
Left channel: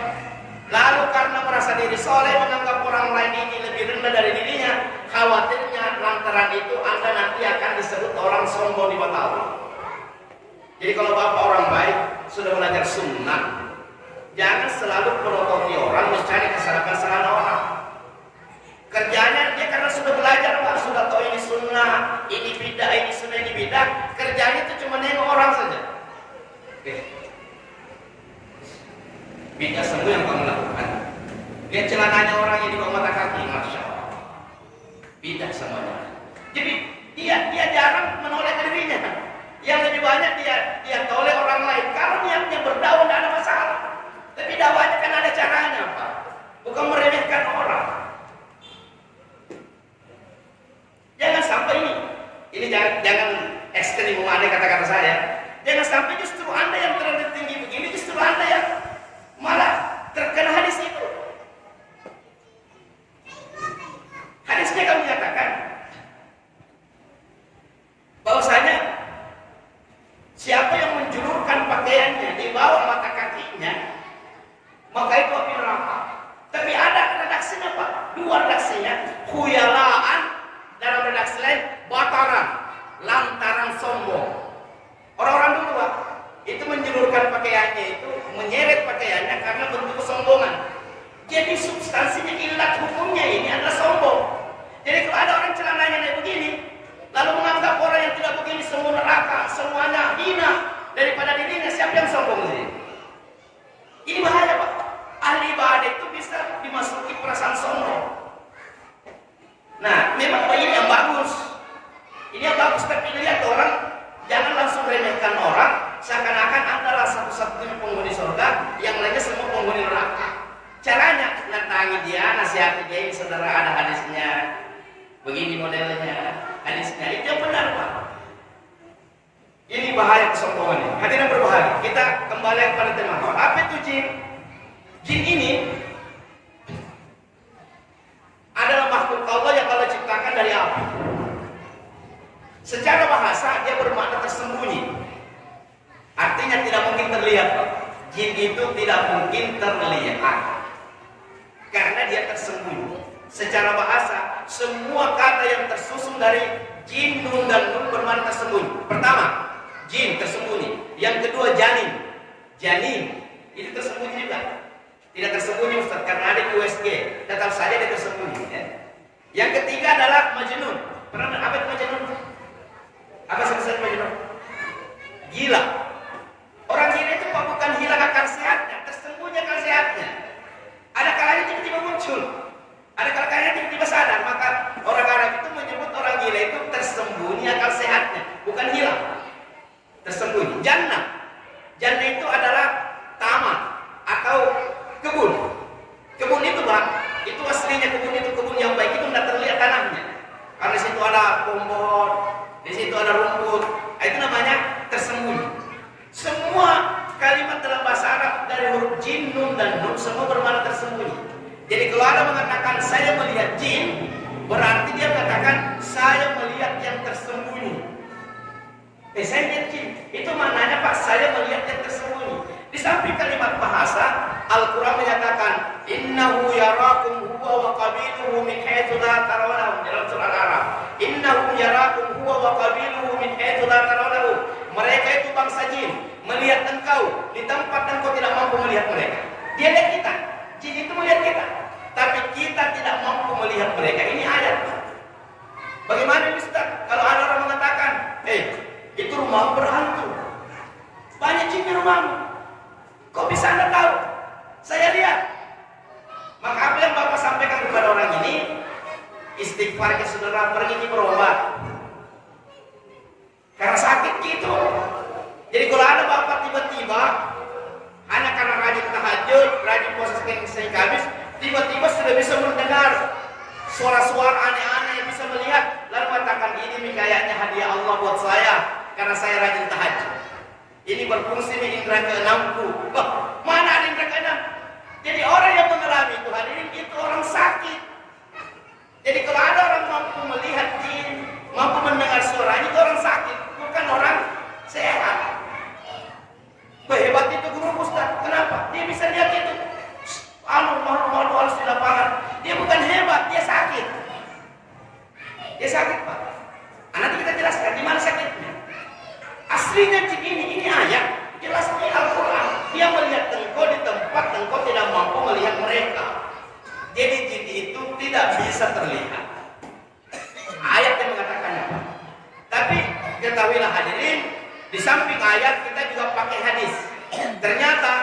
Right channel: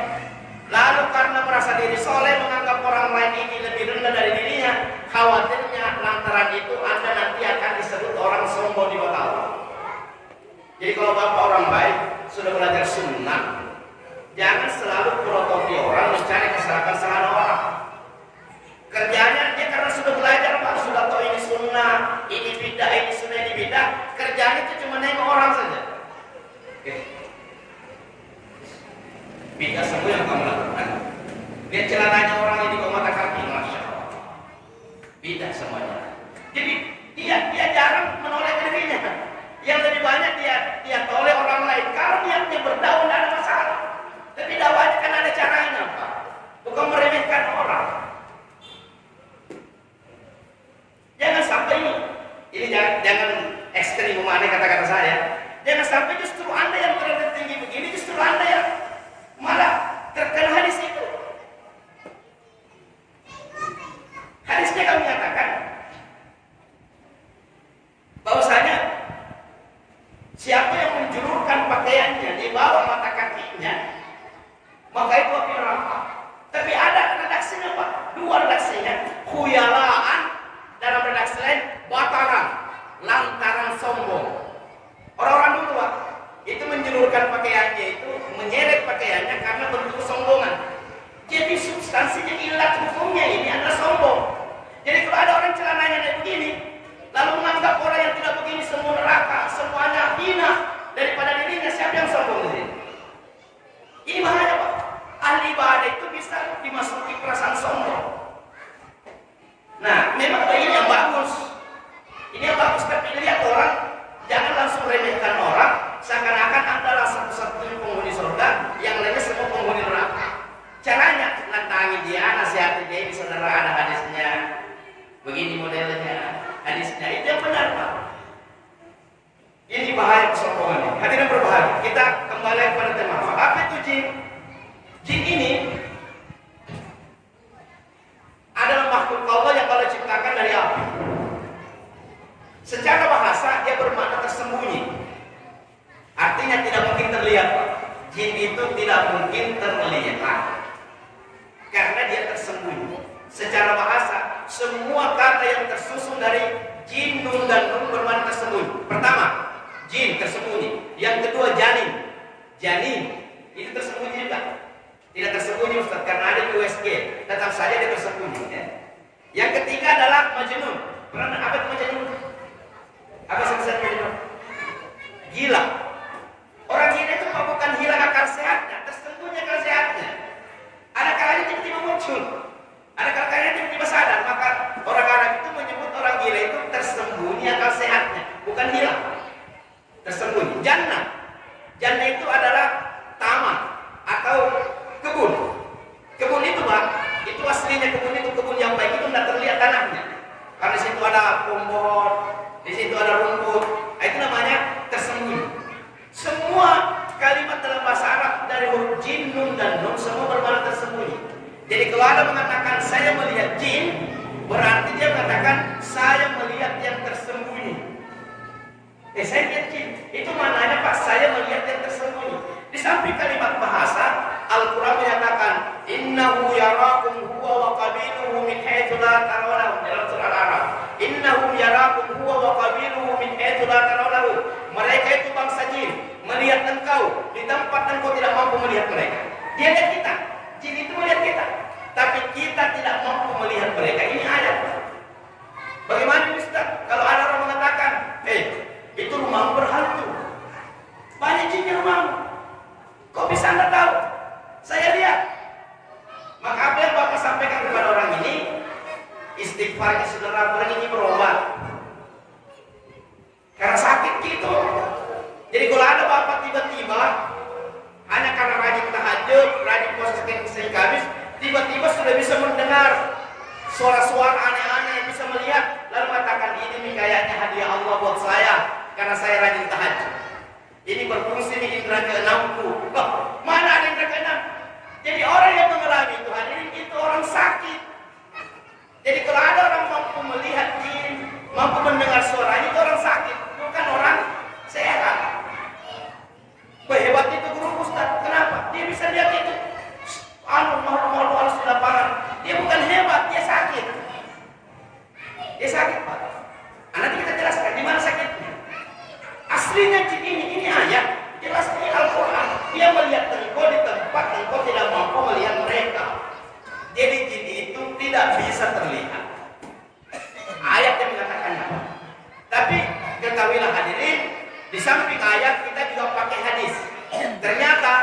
lalu karena merasa diri soleh menganggap orang lain ini lebih rendah dari dirinya. Khawatirnya lantaran itu Anda nanti akan disebut orang sombong di mata Allah. Jadi kalau Bapak orang baik sudah belajar sunnah, jangan selalu prototi orang, mencari kesalahan-kesalahan orang. Kerjanya dia karena sudah belajar Pak, sudah tahu ini sunnah, ini bidah, ini sunnah, ini bidah. Kerjanya itu cuma nengok orang saja. Oke. Bidah semua yang kamu lakukan. Lihat celananya orang yang di bawah mata kaki, masya Allah. Bidah semuanya. Jadi dia jarang menoleh dirinya. Yang lebih banyak dia toleh orang lain. Kalau niatnya berdakwah tidak ada masalah. Tapi dakwahnya kan ada caranya Pak. Bukan meremehkan orang. Jangan sampai ini jangan ekstrim memaknai kata-kata saya. Jangan sampai justru Anda yang terlalu tinggi begini, justru Anda yang malah terkena hadis itu. Hadisnya kami menyatakan bahwasanya siapa yang menjulurkan pakaiannya di bawah mata kakinya, maka itu api neraka. Tapi ada redaksinya Pak, dua redaksinya, khuyalaan, dalam redaksi lain bataran, lantaran sombong. Orang-orang dulu Pak, itu menjulurkan pakaiannya itu, menyeret pakaiannya karena bentuk kesombongan. Jadi substansinya, ilat hukumnya ini adalah sombong. Jadi kalau ada orang celananya kayak begini, lalu menganggap orang yang tidak begini semua neraka, semuanya hina daripada dirinya, siapa yang sombong ini? Ini bahaya Pak. Ahli ibadah itu bisa dimasuki perasaan sombong. Nah, memang ini yang bagus. Ini yang bagus, tapi lihat orang, jangan langsung remehkan orang, seakan-akan Anda satu-satunya penghuni surga, yang lainnya semua penghuni neraka. Caranya, nantangi dia, nasihati dia, ini saudara ada hadisnya, begini modelnya, hadisnya, itu yang benar Pak. Ini bahaya kesombongan ini. Hadirin berbahagia, kita kembali kepada tema. Apa itu jin? Jin ini adalah makhluk Allah yang Allah ciptakan dari api. Secara bahasa dia bermakna tersembunyi. Artinya tidak mungkin terlihat. Jin itu tidak mungkin terlihat karena dia tersembunyi. Secara bahasa semua kata yang tersusun dari jin, nun dan nun bermakna tersembunyi. Pertama, jin tersembunyi. Yang kedua, janin. Janin itu tersembunyi juga. Tidak tersembunyi Ustaz, karena ada USG, tetap saja dia tersembunyi ya. Yang ketiga adalah majnun. Pernah apa itu majnun? Apa sebetulnya majnun? Gila. Orang gila itu Pak tersembunyi. Jannah. Jannah itu adalah taman atau kebun. Kebun itu Pak, itu aslinya kebun itu kebun yang baik itu tidak terlihat tanahnya. Karena di situ ada pohon, di situ ada rumput. Itu namanya tersembunyi. Semua kalimat dalam bahasa Arab dari huruf jin, nun dan nun semua bermakna tersembunyi. Jadi kalau ada mengatakan saya melihat jin, berarti dia mengatakan saya melihat yang tersembunyi. Saya melihat jin. Itu maknanya Pak, saya melihat yang tersembunyi. Di samping kalimat bahasa, Al-Quran menyatakan innahu yarakum huwa wa qabiluhu min haitsu la tarawnahum dalam surah Al-A'raf. Innahum yarakum huwa wa qabiluhu min haitsu la tarawnahum. Mereka itu bangsa jin melihat engkau di tempat engkau tidak mampu melihat mereka. Dia lihat kita. Jin itu melihat kita, tapi kita tidak mampu melihat mereka. Ini ayat. Bagaimana Ustaz? Kalau ada orang mengatakan, itu rumahmu berhantu, banyak jinnya rumahmu, kok bisa Anda tahu? Saya lihat. Maka apa yang Bapak sampaikan kepada orang ini, istighfarnya saudara pergi berobat, karena sakit gitu. Jadi kalau ada Bapak tiba-tiba hanya karena rajin tahajud, rajin puasa Senin Kamis, tiba-tiba sudah bisa mendengar suara-suara aneh-aneh, yang bisa melihat, lalu mengatakan ini kayaknya hadiah Allah buat saya karena saya rajin tahajud. Ini berfungsi di indera keenamku. Mana ada indera keenam? Jadi orang yang mengalami itu hadirin itu orang sakit. Jadi kalau ada orang mampu melihat jin, mampu mendengar suaranya, itu orang sakit, bukan orang sehat. Hebat itu guru Ustaz. Kenapa? Dia bisa lihat itu. Malu halus di lapangan. Dia bukan hebat, dia sakit. Dia sakit Pak. Nanti kita jelaskan di mana sakitnya. Aslinya jin ini ayat. Jelas di Al-Quran. Dia melihat engkau di tempat engkau tidak mampu melihat mereka. Jadi jin itu tidak bisa terlihat. Ayat yang mengatakannya. Tapi ketahuilah hadirin, di samping ayat kita juga pakai hadis. Ternyata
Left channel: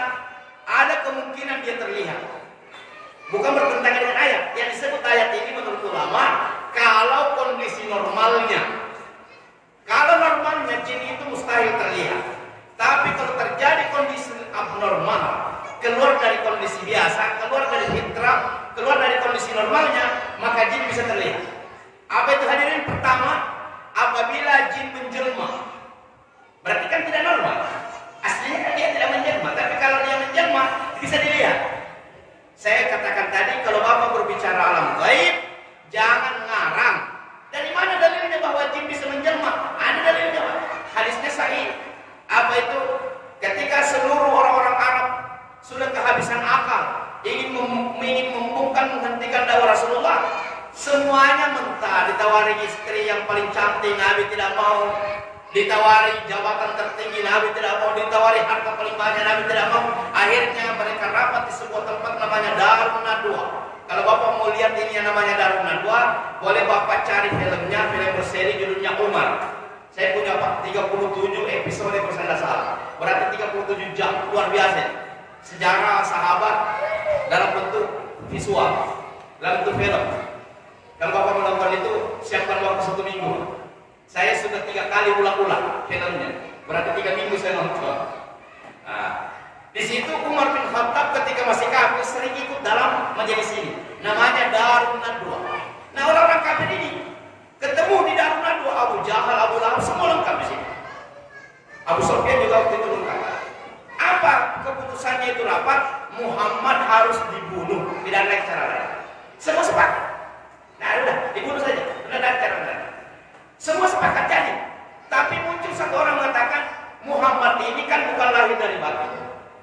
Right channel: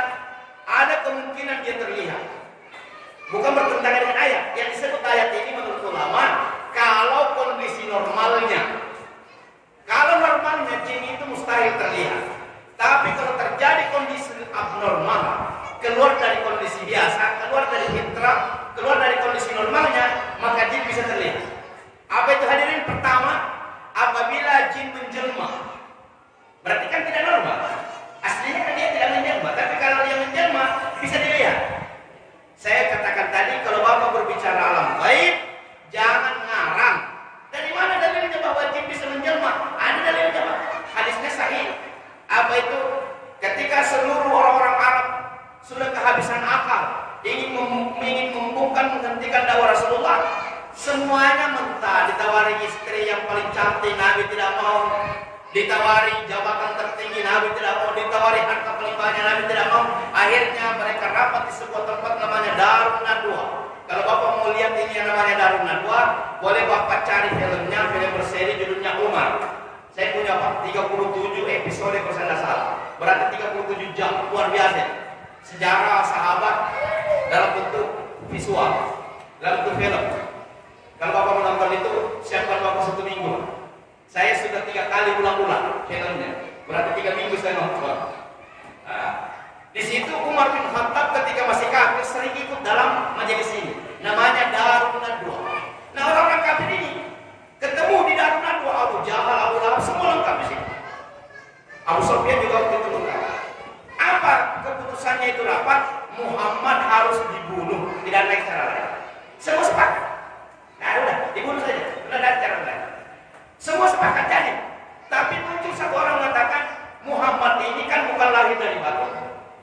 ada kemungkinan dia terlihat. Bukan bertentangan dengan ayat. Yang disebut ayat ini menurut ulama, kalau kondisi normalnya. Kalau normalnya jin itu mustahil terlihat. Tapi kalau terjadi kondisi abnormal, keluar dari kondisi biasa, keluar dari fitrah, keluar dari kondisi normalnya, maka jin bisa terlihat. Apa itu hadirin? Pertama, apabila jin menjelma, berarti kan tidak normal. Aslinya kan dia tidak menjelma, tapi kalau dia menjelma bisa dilihat. Saya katakan tadi, kalau Bapak berbicara alam gaib, jangan ngarang. Dari mana dalilnya bahwa jin bisa menjelma? Ada dalilnya Pak. Hadisnya sahih. Apa itu? Ketika seluruh orang-orang Arab sudah kehabisan akal, ingin membungkam menghentikan dakwah Rasulullah, semuanya minta. Ditawari istri yang paling cantik, Nabi tidak mau. Ditawari jabatan tertinggi, Nabi tidak mau. Ditawari harta paling banyak, Nabi tidak mau. Akhirnya mereka rapat di sebuah tempat namanya Darun Nadwa. Kalau Bapak mau lihat ini yang namanya Darun Nadwa, boleh Bapak cari filmnya, film berseri judulnya Umar. Saya punya Pak, 37 episode kalau saya tidak salah. Berarti 37 jam, luar biasa. Sejarah sahabat dalam bentuk visual, dalam bentuk film. Kalau Bapak menonton itu, siapkan waktu 1 minggu. Saya sudah 3 kali ulang-ulang filmnya. Berarti 3 minggu saya nonton. Nah, di situ Umar bin Khattab ketika masih kafir sering ikut dalam majelis ini. Namanya Darun Nadwa. Nah, orang-orang kafir ini ketemu di Darun Nadwa, Abu Jahal, Abu Lahab, semua lengkap di sini. Abu Sufyan juga waktu itu lengkap. Apa keputusannya itu rapat? Muhammad harus dibunuh, tidak ada cara lain. Semua sepakat. Nah, udah dibunuh saja, tidak ada cara lain. Semua sepakat jadi. Tapi muncul satu orang mengatakan, Muhammad ini kan bukan lahir dari batu.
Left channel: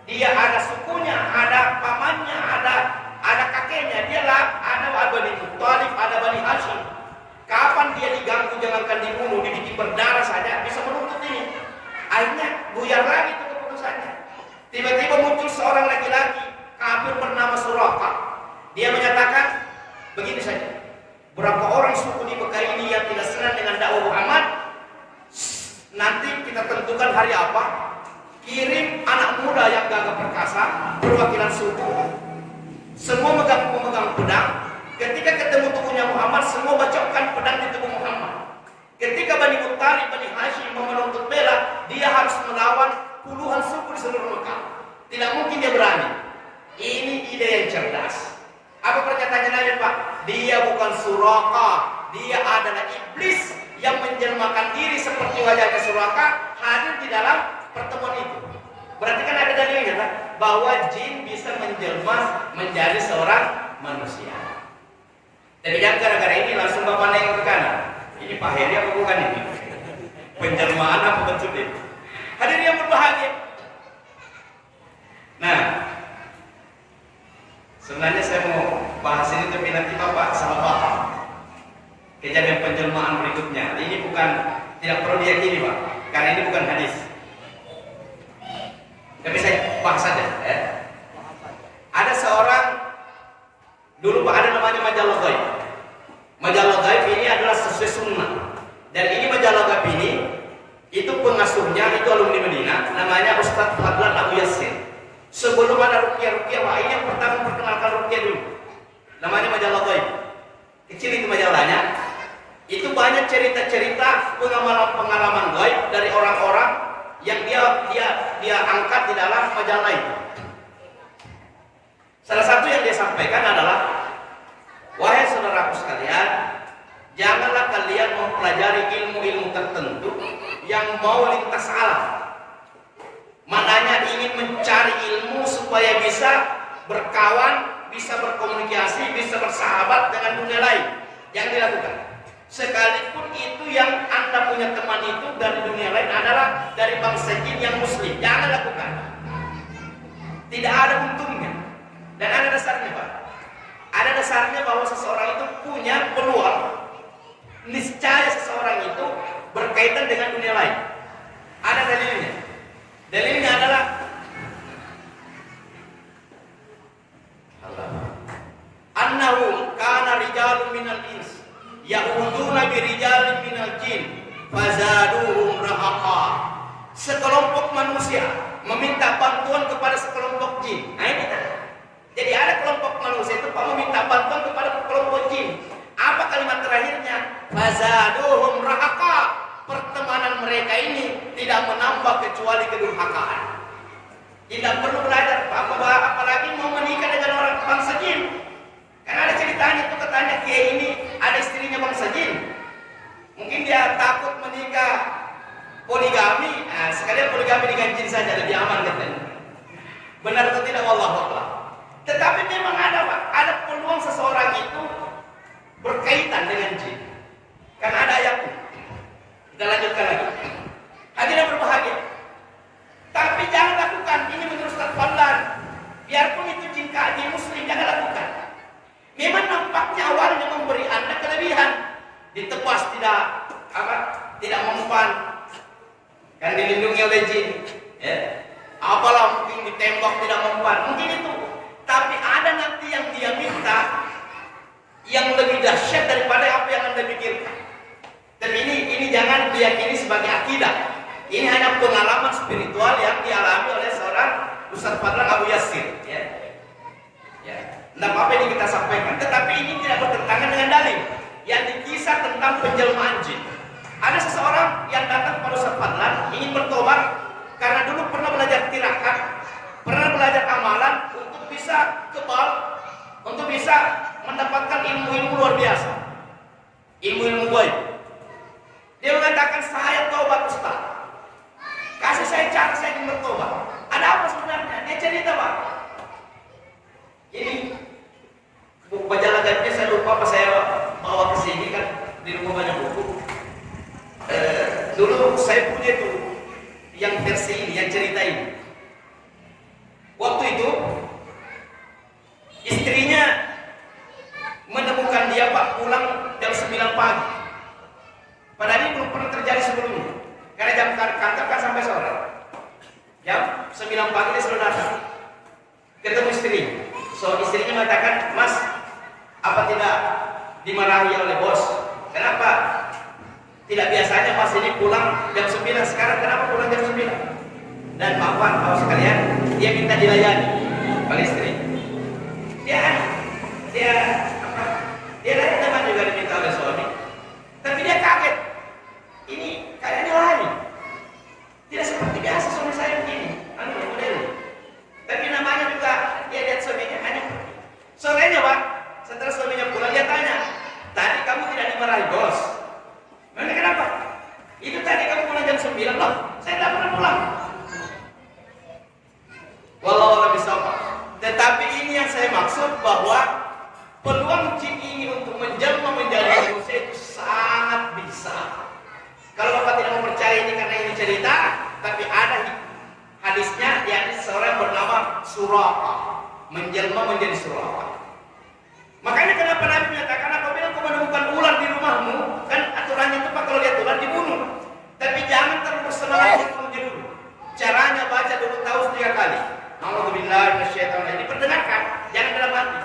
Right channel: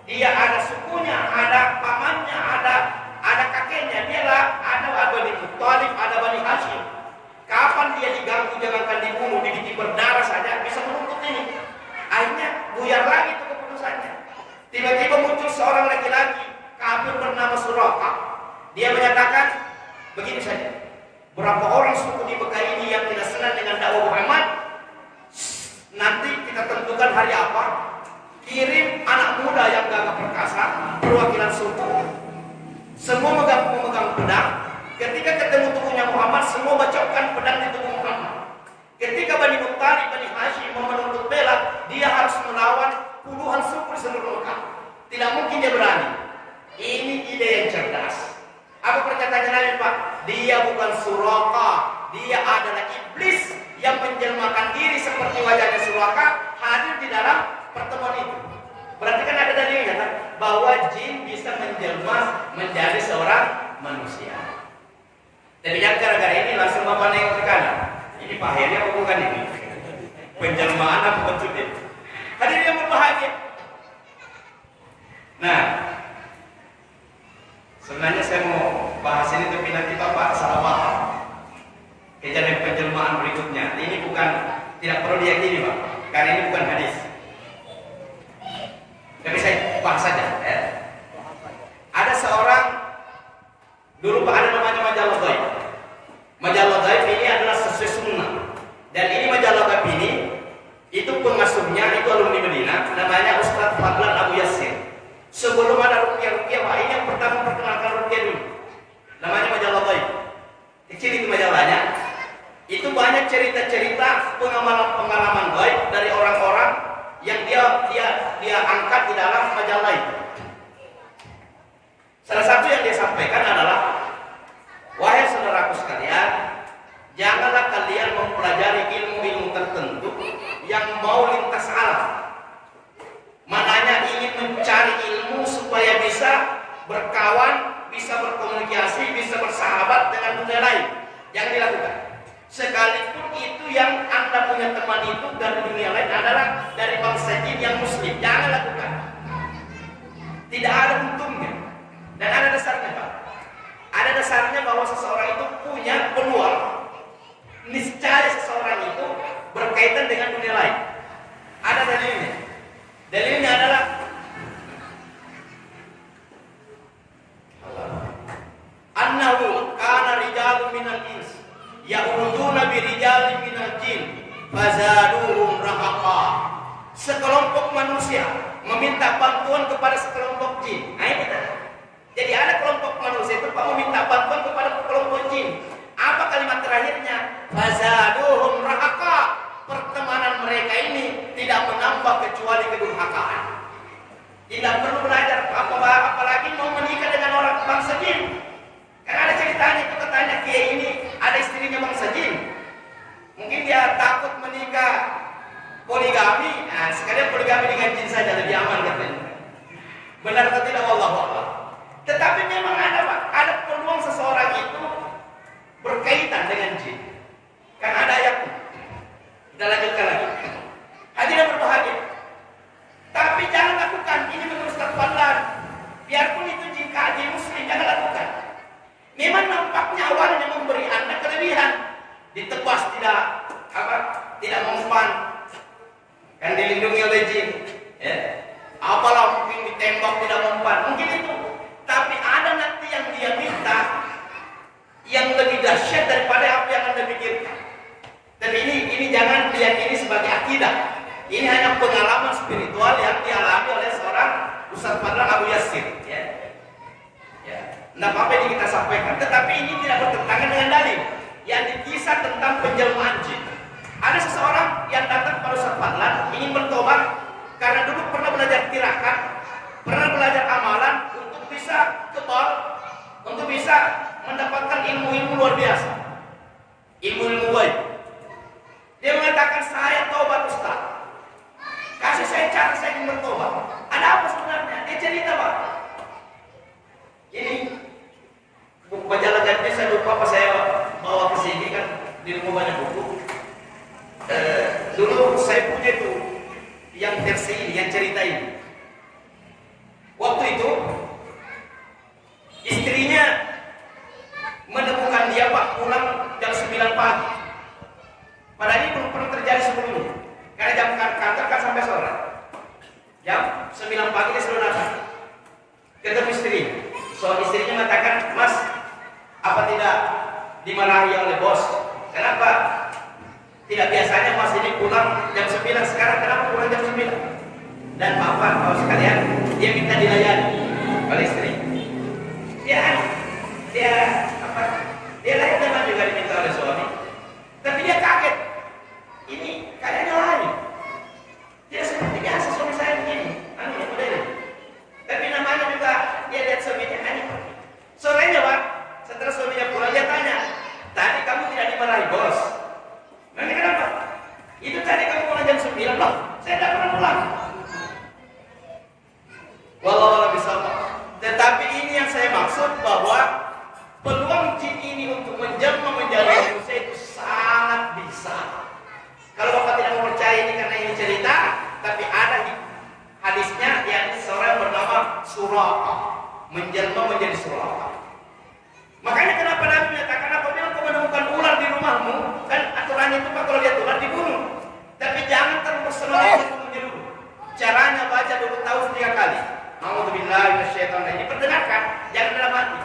Dia ada sukunya, ada pamannya, ada kakeknya. Dia lah ada Bani Muttalib, ada Bani Hashim. Kapan dia diganggu, jangankan dibunuh, dibikin berdarah saja bisa menuntut ini. Akhirnya buyar lagi itu keputusannya. Tiba-tiba muncul seorang laki-laki kafir bernama Suraka. Dia menyatakan begini saja. Berapa orang suku di Mekah ini yang tidak senang dengan dakwah Muhammad? Nanti kita tentukan hari apa. Kirim anak muda yang gagah perkasa, perwakilan suku. Semua memegang pedang. Ketika ketemu tubuhnya Muhammad, semua bacokkan pedang di tubuh Muhammad. Ketika Bani Muttalib, Bani Hashim menuntut bela, dia harus melawan puluhan suku di seluruh Mekah. Tidak mungkin dia berani. Ini ide yang cerdas. Apa perkataannya Nabi Pak? Dia bukan Suraka, dia adalah iblis yang menjelmakan diri seperti wajahnya Suraka hadir di dalam pertemuan itu. Berarti kan ada dalilnya kan? Bahwa jin bisa menjelma menjadi seorang manusia. Tapi jangan gara-gara ini langsung Bapak nengok ke kanan. Ini Pak Heri apa bukan ini? Penjelmaan apa bentuknya? Hadirin yang berbahagia. Nah, sebenarnya saya mau bahas ini tapi nanti Bapak salah paham. Kejadian penjelmaan berikutnya. Ini bukan, tidak perlu diyakini Pak, karena ini bukan hadis. Tapi saya bahas saja. Ada seorang dulu Pak, ada namanya majalah gaib. Majalah gaib ini adalah sesuai sunnah. Dan ini majalah gaib ini itu pengasuhnya itu alumni Medina, namanya Ustadz Fadlan Abu Yassir. Sebelum ada ruqyah-ruqyah, wah ini yang pertama perkenalkan ruqyah dulu. Namanya majalah gaib. Kecil itu majalahnya. Itu banyak cerita-cerita pengalaman-pengalaman gaib dari orang-orang yang dia angkat di dalam majalah itu. Salah satu yang dia sampaikan adalah, wahai saudaraku sekalian, janganlah kalian mempelajari ilmu-ilmu tertentu yang mau lintas alam. Maknanya ingin mencari ilmu supaya bisa berkawan, bisa berkomunikasi, bisa bersahabat dengan dunia lain. Jangan dilakukan. Sekalipun itu yang Anda punya teman itu dari dunia lain adalah dari bangsa jin yang muslim, jangan lakukan. Tidak ada untungnya. Dan ada dasarnya Pak. Ada dasarnya bahwa seseorang itu punya peluang, niscaya seseorang itu berkaitan dengan dunia lain. Ada dalilnya. Dalilnya adalah annahu kana rijalun minal ins ya'uduna bi rijalin minal jin fazaduhum rahaqa. Sekelompok manusia meminta bantuan kepada sekelompok jin. Nah ini tadi. Jadi ada kelompok manusia itu Pak meminta bantuan kepada kelompok jin. Apa kalimat terakhirnya? Fazaduhum rahaqa. Pertemanan mereka ini tidak menambah kecuali kedurhakaan. Tidak perlu belajar apalagi mau menikah dengan orang bangsa jin. Karena ada ceritanya itu katanya kiai ini ada istrinya bangsa jin. Mungkin dia takut menikah poligami. Nah, sekalian poligami dengan jin saja lebih aman katanya. Benar atau tidak? Wallahu a'lam. Tetapi memang ada Pak, ada peluang seseorang itu berkaitan dengan jin. Karena ada ayatnya. Kita lanjutkan lagi. Hadirin berbahagia. Tapi jangan lakukan. Ini menurut Ustaz Fadlan. Biarpun itu jin muslim, jangan lakukan. Memang nampaknya awalnya memberi Anda kelebihan. Ditebas tidak mempan. Kan dilindungi oleh jin. Ya. Apalah mungkin ditembak tidak mempan. Mungkin itu. Tapi ada nanti yang dia minta yang lebih dahsyat daripada apa yang Anda pikirkan. Tapi ini jangan diyakini sebagai akidah. Ini hanya pengalaman spiritual yang dialami oleh seorang Ustaz Fadlan Abu Yassir. Ya. Nah, apa yang kita sampaikan. Tetapi ini tidak bertentangan dengan dalil yang dikisah tentang penjelmaan jin. Ada seseorang yang datang kepada Ustaz Fadlan ingin bertobat karena dulu pernah belajar tirakat, pernah belajar amalan untuk bisa kebal, untuk bisa mendapatkan ilmu-ilmu luar biasa, ilmu-ilmu gaib. Dia mengatakan, saya tobat Ustaz. Kasih saya cara saya ingin bertobat. Ada apa sebenarnya? Dia cerita Pak. Ini buku majalah gaibnya saya lupa apa saya bawa ke sini kan, di rumah banyak buku. Dulu saya punya itu yang versi ini, yang cerita ini. Waktu itu istrinya menemukan dia Pak pulang jam 9 pagi. Padahal ini belum pernah terjadi sebelumnya. Karena jam kantor kan sampai sore. Jam 9 pagi dia sudah datang. Ketemu istri. So istrinya mengatakan, Mas, apa tidak dimarahi oleh bos? Kenapa? Tidak biasanya Mas ini pulang jam 9, sekarang kenapa pulang jam 9? Dan bapak sekalian, dia minta dilayani oleh istri. Dia layak teman juga diminta oleh suami. Tapi dia kaget. Ini kayaknya lain. pulang. Wallahu a'lam bishawab. Tetapi ini yang saya maksud, bahwa peluang jin ini untuk menjelma menjadi manusia itu sangat besar. Kalau Bapak tidak mau percaya ini karena ini cerita, tapi ada hadisnya, yakni seorang bernama Suraka menjelma menjadi Suraka. Makanya kenapa Nabi menyatakan apabila kau menemukan ular di rumahmu, kan aturannya itu Pak, kalau lihat ular dibunuh. Tapi jangan terus bersemangat membunuhnya dulu. Caranya baca dulu taus 3 kali. A'udzubillahi minasyaitonir rajim. Diperdengarkan, jangan dalam hati.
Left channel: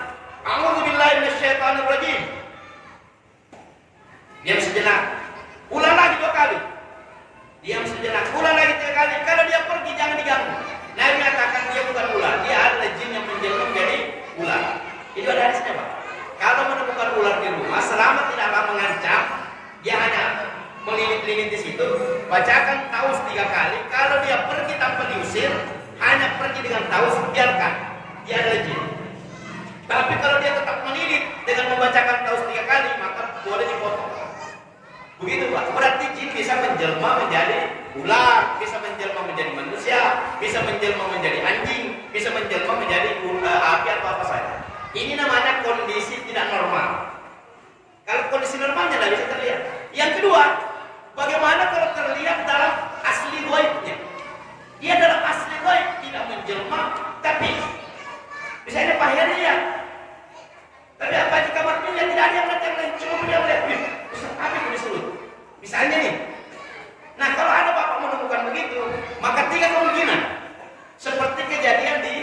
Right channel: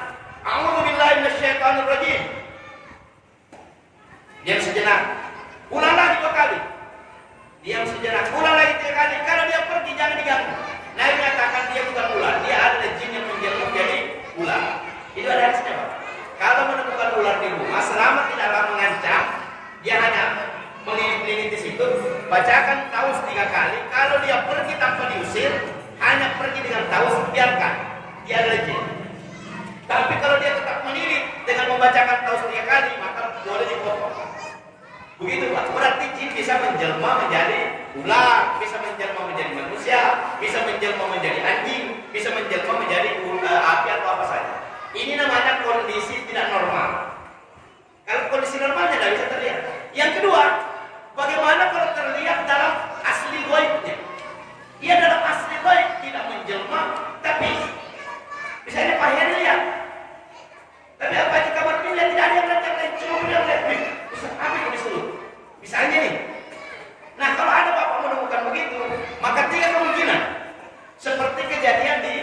A'udzubillahi minasyaitonir rajim. Diam sejenak. Ulang lagi 2 kali. Diam sejenak. Ulang lagi 3 kali. Kalau dia pergi jangan diganggu. Nabi mengatakan dia bukan ular, dia adalah jin yang menjelma menjadi ular. Itu ada hadisnya, Pak. Kalau menemukan ular di rumah, selama tidaklah mengancam, dia hanya melilit-lilit di situ, bacakan taus 3 kali. Kalau dia pergi tanpa diusir, hanya pergi dengan taus, biarkan. Dia adalah jin. Tapi kalau dia tetap melilit dengan membacakan taus 3 kali, maka boleh dipotong. Begitu, Pak. Berarti jin bisa menjelma menjadi ular, bisa menjelma menjadi manusia, bisa menjelma menjadi anjing, bisa menjelma menjadi api atau apa saja. Ini namanya kondisi tidak normal. Kalau kondisi normalnya tidak bisa terlihat. Yang kedua, bagaimana kalau terlihat dalam asli ghaibnya? Ia dalam asli ghaib tidak menjelma, tapi misalnya Pak Heri lihat. Tapi apa di kamarnya lihat tidak ada yang lihat yang lain, cuma beliau lihat. Ustaz, apa yang disuruh? Misalnya nih. Nah, kalau ada Bapak menemukan begitu, maka 3 kemungkinan. Seperti kejadian di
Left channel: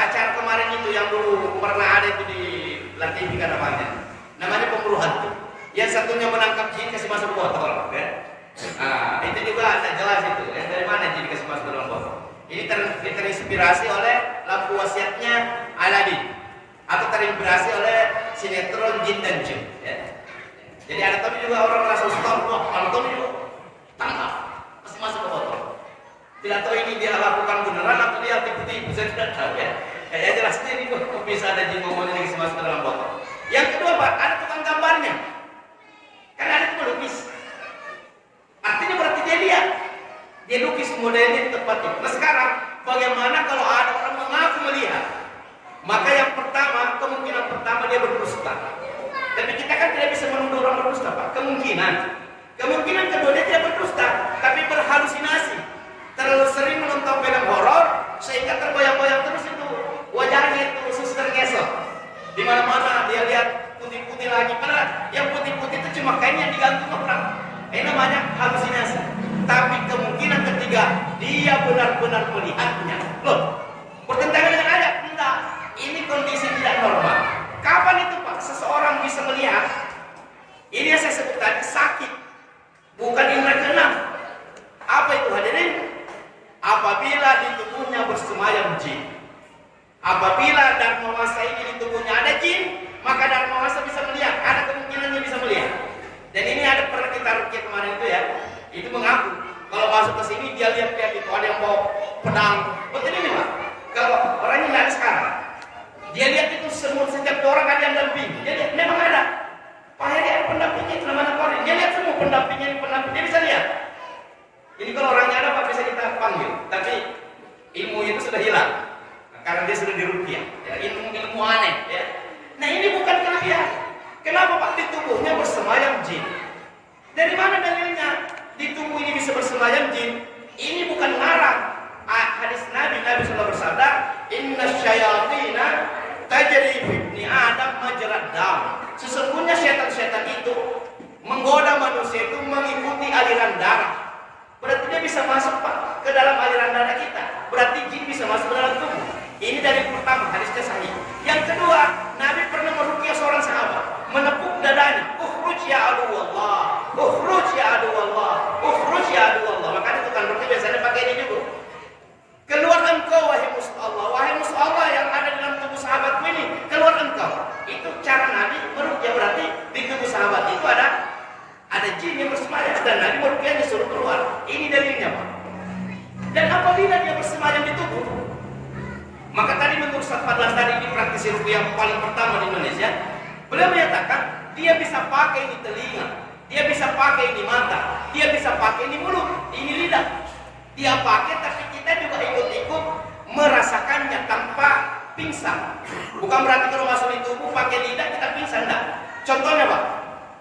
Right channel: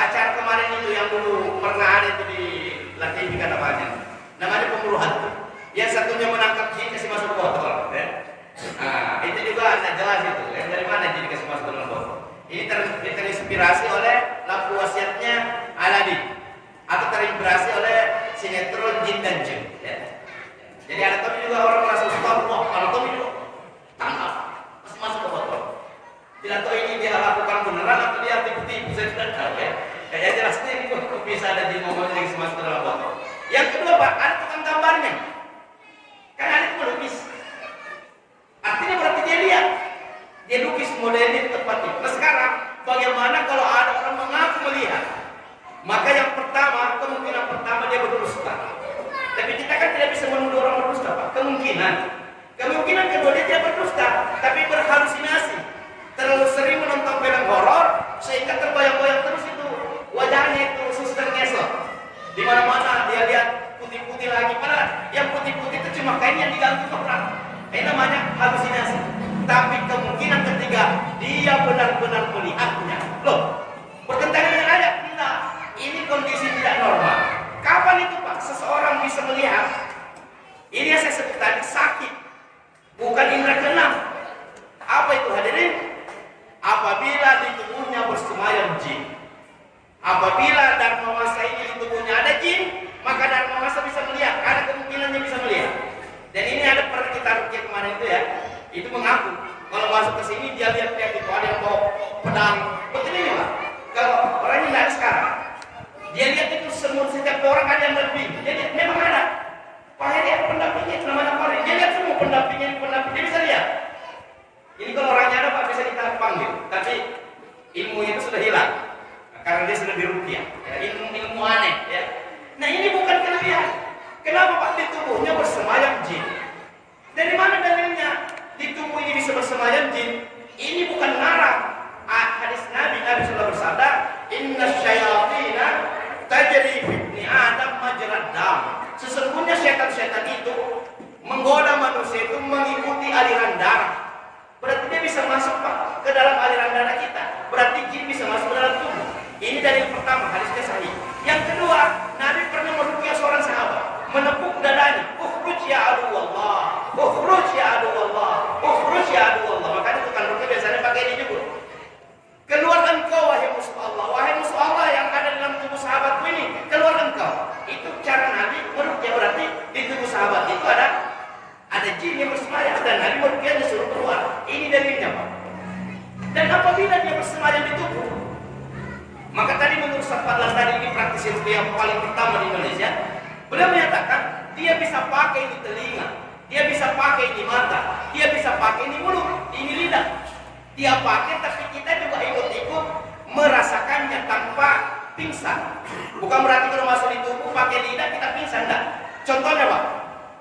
acara kemarin itu yang dulu pernah ada itu di LTV kan namanya pemburu hantu. Yang satunya menangkap jin kasih masuk botol, ya. Nah, itu juga tidak jelas itu. Yang dari mana jin kasih masuk dalam botol? Ini terinspirasi oleh lampu wasiatnya Aladin, atau terinspirasi oleh sinetron Jin dan Jin. Ya. Jadi ada tapi juga orang merasa ustaz, wah kalau Tommy juga tangkap, masih masuk ke botol. Tidak tahu ini dia lakukan beneran atau dia tipu-tipu, saya tidak tahu ya. Kayak jelasnya ini kok bisa ada jin ngomongnya dikasih masuk ke dalam botol. Yang kedua, Pak, ada tukang gambarnya. Kan ada pelukis. Artinya berarti dia lihat. Dia lukis modelnya di tempat itu. Nah sekarang, bagaimana kalau ada orang mengaku melihat? Maka yang pertama, kemungkinan pertama dia berdusta. Tapi kita kan tidak bisa menuduh orang berdusta, Pak. Kemungkinan kedua dia tidak berdusta, tapi berhalusinasi. Terlalu sering menonton film horor sehingga terbayang-bayang terus itu wajahnya itu suster ngesot. Di mana-mana dia lihat putih-putih lagi. Padahal yang putih-putih itu cuma kain yang diganti orang. Ini namanya halusinasi. Tapi kemungkinan ketiga dia benar-benar melihatnya. Loh, bertentangan dengan ayat? Tidak. Ini kondisi tidak normal. Kapan itu, Pak, seseorang bisa melihat? Ini yang saya sebut tadi sakit, bukan indera keenam. Apa itu, hadirin? Apabila di tubuhnya bersemayam jin. Apabila dharma masa ini di tubuhnya ada jin, maka dharma masa bisa melihat. Ada kemungkinannya bisa melihat. Dan ini ada pernah kita rukyah kemarin itu ya. Itu mengaku kalau masuk ke sini dia lihat-lihat itu ada yang bawa pedang. Betul ini, Pak. Kalau orang ini tidak ada sekarang. Dia lihat itu semua setiap orang ada yang lebih. Dia lihat memang ada. Pak Heri ada pendampingnya itu namanya Pak Heri. Dia lihat semua pendampingnya ini pendamping. Dia bisa lihat. Ini kalau orangnya ada Pak bisa kita panggil. Tapi ilmunya itu sudah hilang. Karena dia sudah dirukyah. Ya, ilmu aneh. Ya. Nah ini bukan kelebihan. Kenapa Pak di tubuhnya bersemayam jin? Dari mana dalilnya? Di tubuh ini bisa bersemayam jin. Ini bukan ngarang. Hadis Nabi sudah bersabda, Inna syayatina tajri fi ibni Adam majrad dam. Sesungguhnya setan-setan itu menggoda manusia itu mengikuti aliran darah. Berarti dia bisa masuk, Pak, ke dalam aliran darah kita. Berarti jin bisa masuk ke dalam tubuh. Ini dari pertama, hadisnya sahih. Yang kedua, Nabi pernah meruqyah seorang sahabat, menepuk dadanya. Ukhruj ya adu Allah, ukhruj ya adu Allah, ukhruj ya adu Allah. Makanya tukang ruqyah biasanya pakai ini juga. Keluar engkau wahai musuh Allah, wahai musuh Allah yang ada dalam tubuh sahabatku ini, keluar engkau. Itu cara Nabi meruqyah, berarti di tubuh sahabat itu ada jin yang bersemayam dan Nabi meruqyah disuruh keluar. Ini dalilnya, Pak. Dan apabila dia bersemayam di tubuh, maka tadi menurut Ustaz Fadlan tadi ini praktisi ruqyah yang paling pertama di Indonesia, beliau menyatakan dia bisa pakai di telinga, dia bisa pakai di mata, dia bisa pakai di mulut, ini lidah. Dia pakai, tapi kita juga ikut-ikut merasakannya tanpa pingsan. Bukan berarti kalau masuk di tubuh pakai lidah kita pingsan, enggak. Contohnya Pak,